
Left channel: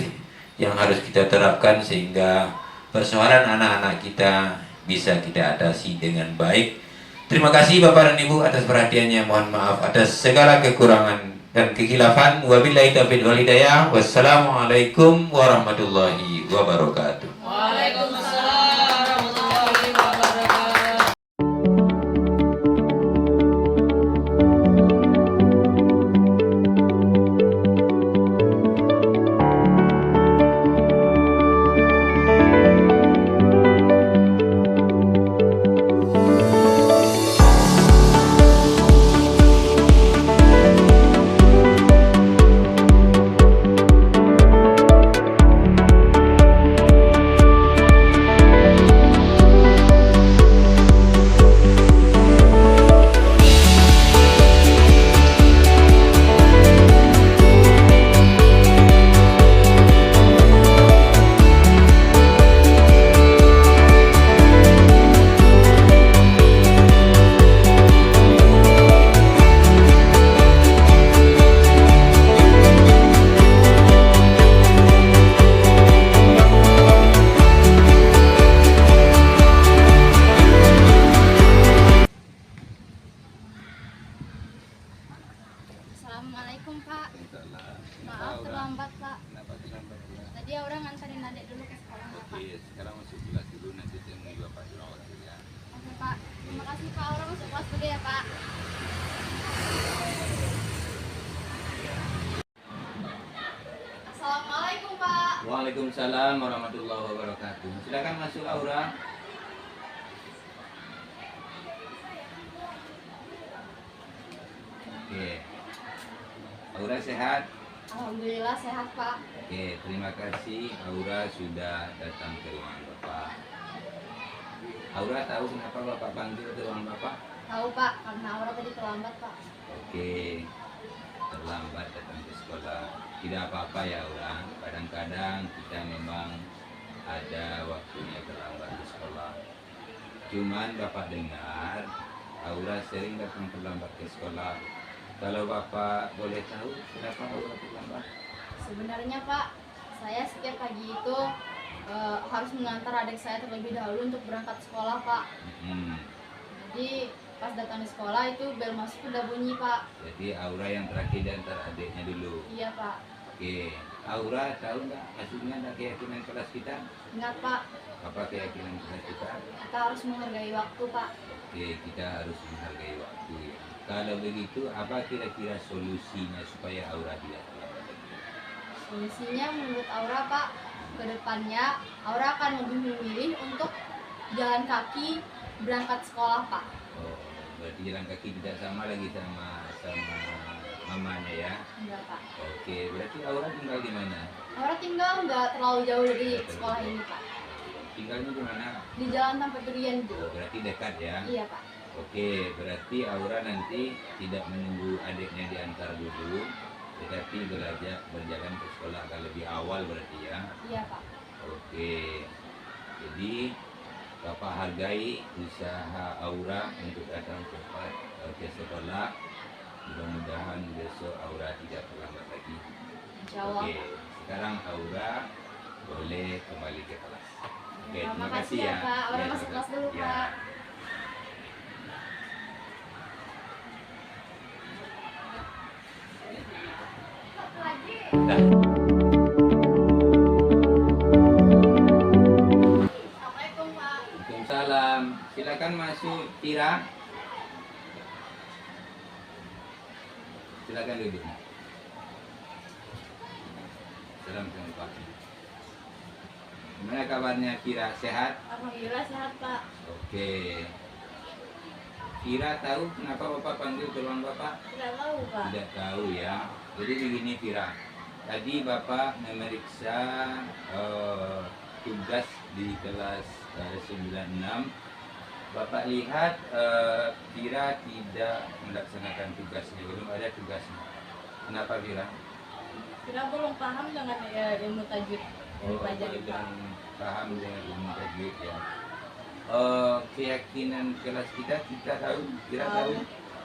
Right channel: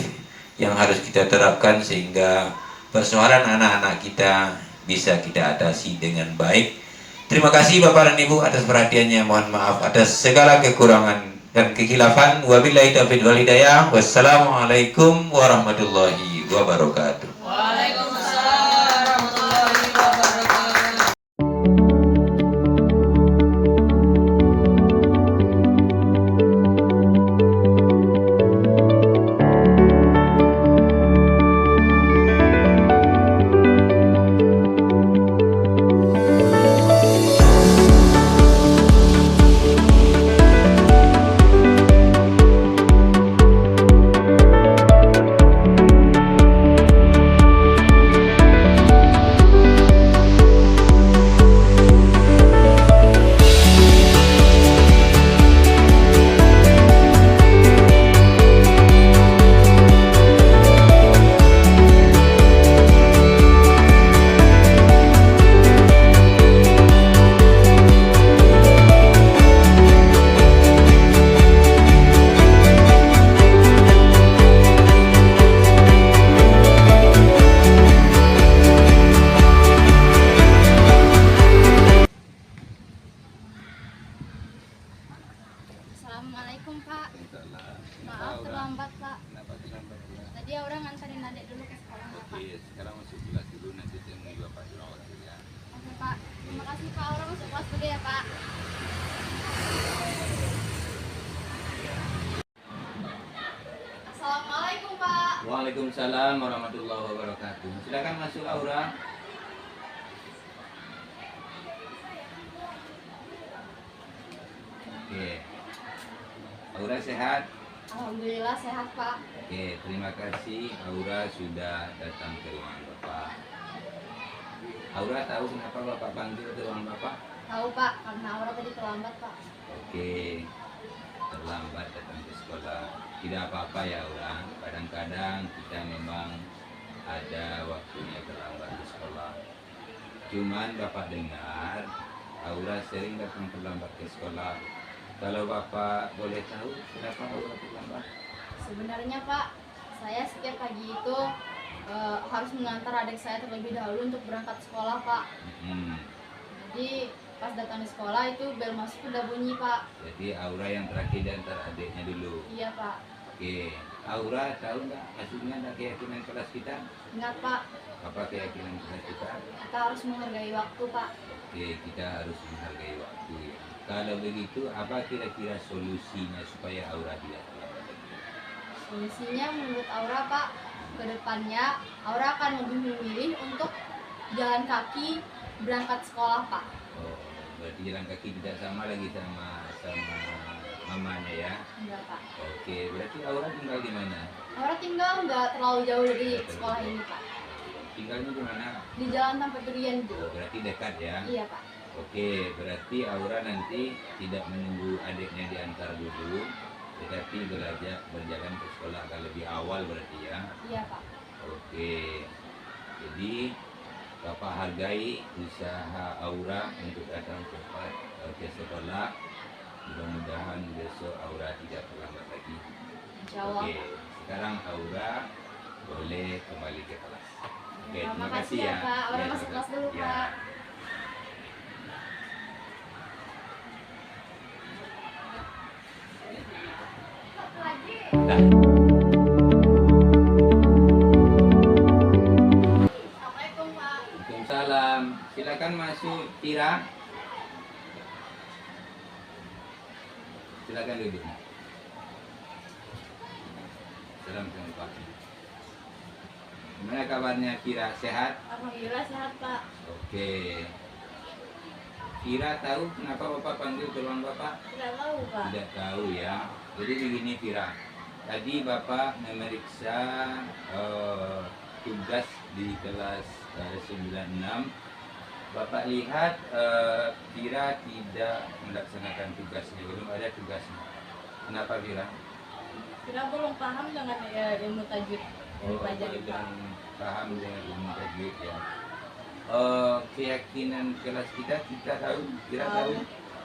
yang harus kita terapkan sehingga persoalan anak-anak kita bisa kita atasi dengan baik. Terima kasih Bapak dan Ibu atas perhatiannya. Mohon maaf atas segala kekurangan dan kekhilafan. Wabillahi taufiq wal hidayah. Wassalamualaikum warahmatullahi wabarakatuh. Waalaikumsalam warahmatullahi wabarakatuh. Assalamualaikum Pak. Maaf terlambat Pak. Tadi Aura nganterin adik dulu ke sekolah Pak. Sekarang masuk kelas dulu, nanti temui Bapak Jerawat ya. Oke Pak. Terima kasih Pak. Aura masuk kelas dulu ya Pak. Assalamualaikum Pak. Waalaikumsalam warahmatullahi wabarakatuh. Silakan masuk Aura. Oke. Aura sehat? Alhamdulillah sehat Pak. Oke, terima kasih Aura sudah datang ke ruangan Bapak. Aura tahu kenapa Bapak panggil ke ruangan Bapak? Tahu Pak, karena Aura tadi terlambat Pak. Oke, terlambat datang ke sekolah. Tidak apa-apa ya Aura, kadang-kadang kita memang ada waktunya terlambat di sekolah. Cuman Bapak dengar Aura sering datang terlambat ke sekolah. Kalau Bapak boleh tahu kenapa Aura terlambat? Sebenarnya Pak, saya setiap pagi itu harus mengantar adik saya terlebih dahulu untuk berangkat sekolah Pak. Jadi pas datang di sekolah itu bel masuk udah bunyi Pak. Jadi Aura yang terakhir dan adiknya dulu. Iya Pak. Oke, Aura tahu nggak maksudnya ada keyakinan kelas kita? Ingat Pak, Apa keyakinan kelas kita? kita harus menghargai waktu Pak. Oke, kita harus menghargai waktu ya. Kalau begitu, apa kira-kira solusinya supaya Aura tidak terlambat? Solusinya menurut Aura Pak, ke depannya Aura akan lebih memilih untuk jalan kaki berangkat sekolah Pak. Oh, berarti jalan kaki tidak sama lagi sama mamanya ya? Enggak Pak. Oke, berarti Aura tinggal di mana? Aura tinggal nggak terlalu jauh dari sekolah ini Pak. Tinggalnya di mana? Di Jalan Tanpa Durian Bu. Oh, berarti dekat ya? Iya Pak. Oke, berarti Aura nanti tidak menunggu adiknya diantar dulu, tetapi berjalan ke sekolah agak lebih awal berarti ya? Iya Pak. Oke, jadi Bapak hargai usaha Aura untuk datang cepat ke sekolah. Mudah-mudahan besok Aura tidak terlambat lagi. Insya Allah. Oke, kesekarang Aura boleh kembali ke kelas. Oke, Terima terima kasih kasih ya, Pak. Aura Ya, masuk kelas dulu, ya. Pak. Dah. Assalamualaikum Pak. Waalaikumsalam. Silakan masuk, Tira. Silakan duduk. Assalamualaikum Pak. Gimana kabarnya Tira? Sehat? Alhamdulillah sehat Pak. Oke. Tira tahu kenapa Bapak panggil ke ruang Bapak? Tidak tahu Pak. Tidak tahu ya. Jadi begini Tira. Tadi Bapak memeriksa tugas di kelas 96. Bapak lihat Tira tidak melaksanakan tugasnya, belum ada tugasnya. Kenapa Tira? Kita belum paham dengan ilmu tajwid yang dipelajari Pak. Dan paham dengan ilmu tajwid ya. Keyakinan kelas kita tahu, Tira tahu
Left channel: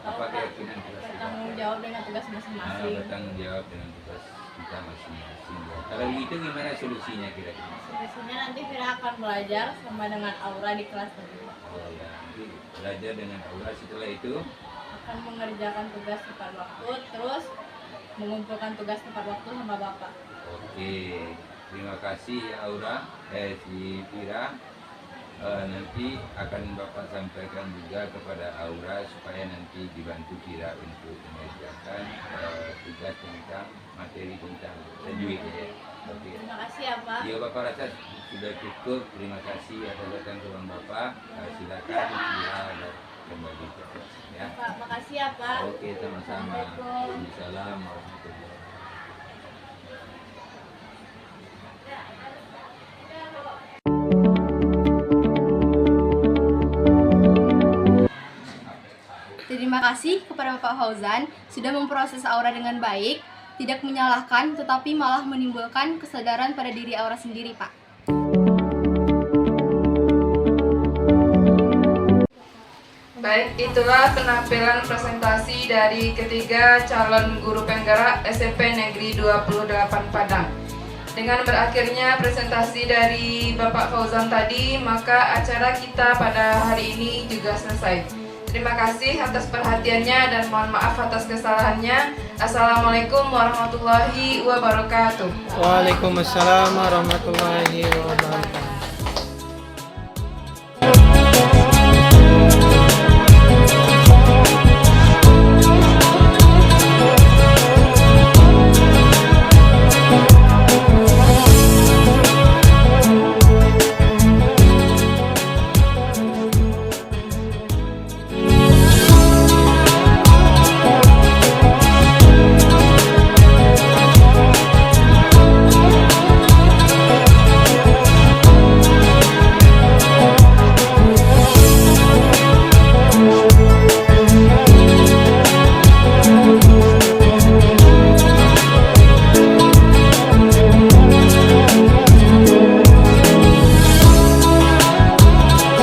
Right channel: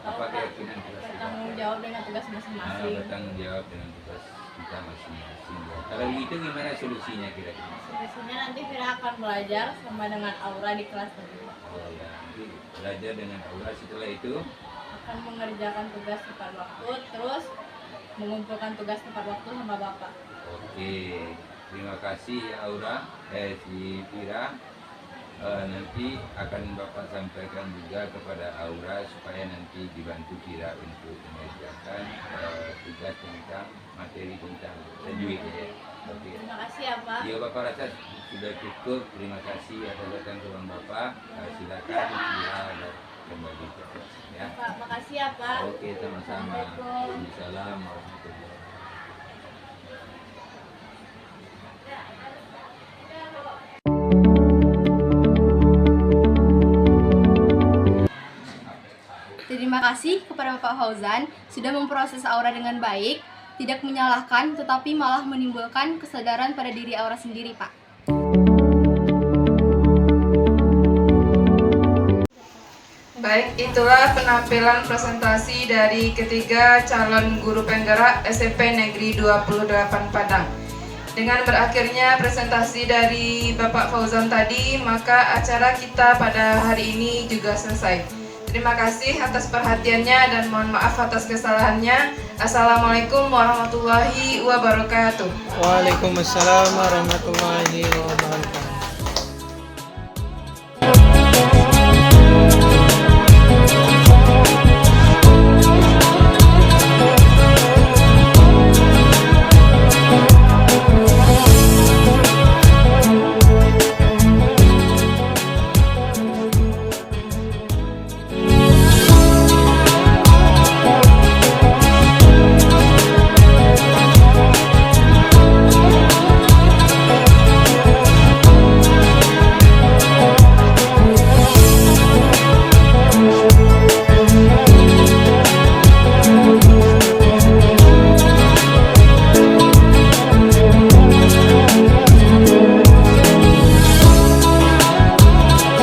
apa keyakinan kelas kita? Bertanggung jawab dengan tugas masing-masing. Bertanggung jawab dengan tugas kita masing-masing. Ya. Kalau begitu gimana solusinya kira-kira? Solusinya nanti Vira akan belajar sama dengan Aura di kelas tadi. Oh ya, nanti belajar dengan Aura, setelah itu Akan mengerjakan tugas tepat waktu, terus mengumpulkan tugas tepat waktu sama Bapak. oke. Terima kasih ya Aura, si Vira. Nanti akan Bapak sampaikan juga kepada Aura supaya nanti dibantu Vira untuk mengerjakan tugas tentang materi tentang tajwid ya. Oke. Terima kasih ya Pak. Ya Bapak rasa sudah cukup. Terima kasih atas datang ke ruang Bapak. Silakan Vira kembali ke kelas ya. Pak, makasih ya Pak. Oke, sama-sama. Assalamualaikum. Waalaikumsalam warahmatullahi wabarakatuh. Terima kasih kepada Bapak Fauzan sudah memproses Aura dengan baik, tidak menyalahkan tetapi malah menimbulkan kesadaran pada diri Aura sendiri, Pak. Baik, itulah penampilan presentasi dari ketiga calon guru penggerak SMP Negeri 28 Padang. Dengan berakhirnya presentasi dari Bapak Fauzan tadi, maka acara kita pada hari ini juga selesai. Terima kasih atas perhatiannya dan mohon maaf atas kesalahannya. Assalamualaikum warahmatullahi wabarakatuh. Waalaikumsalam warahmatullahi wabarakatuh.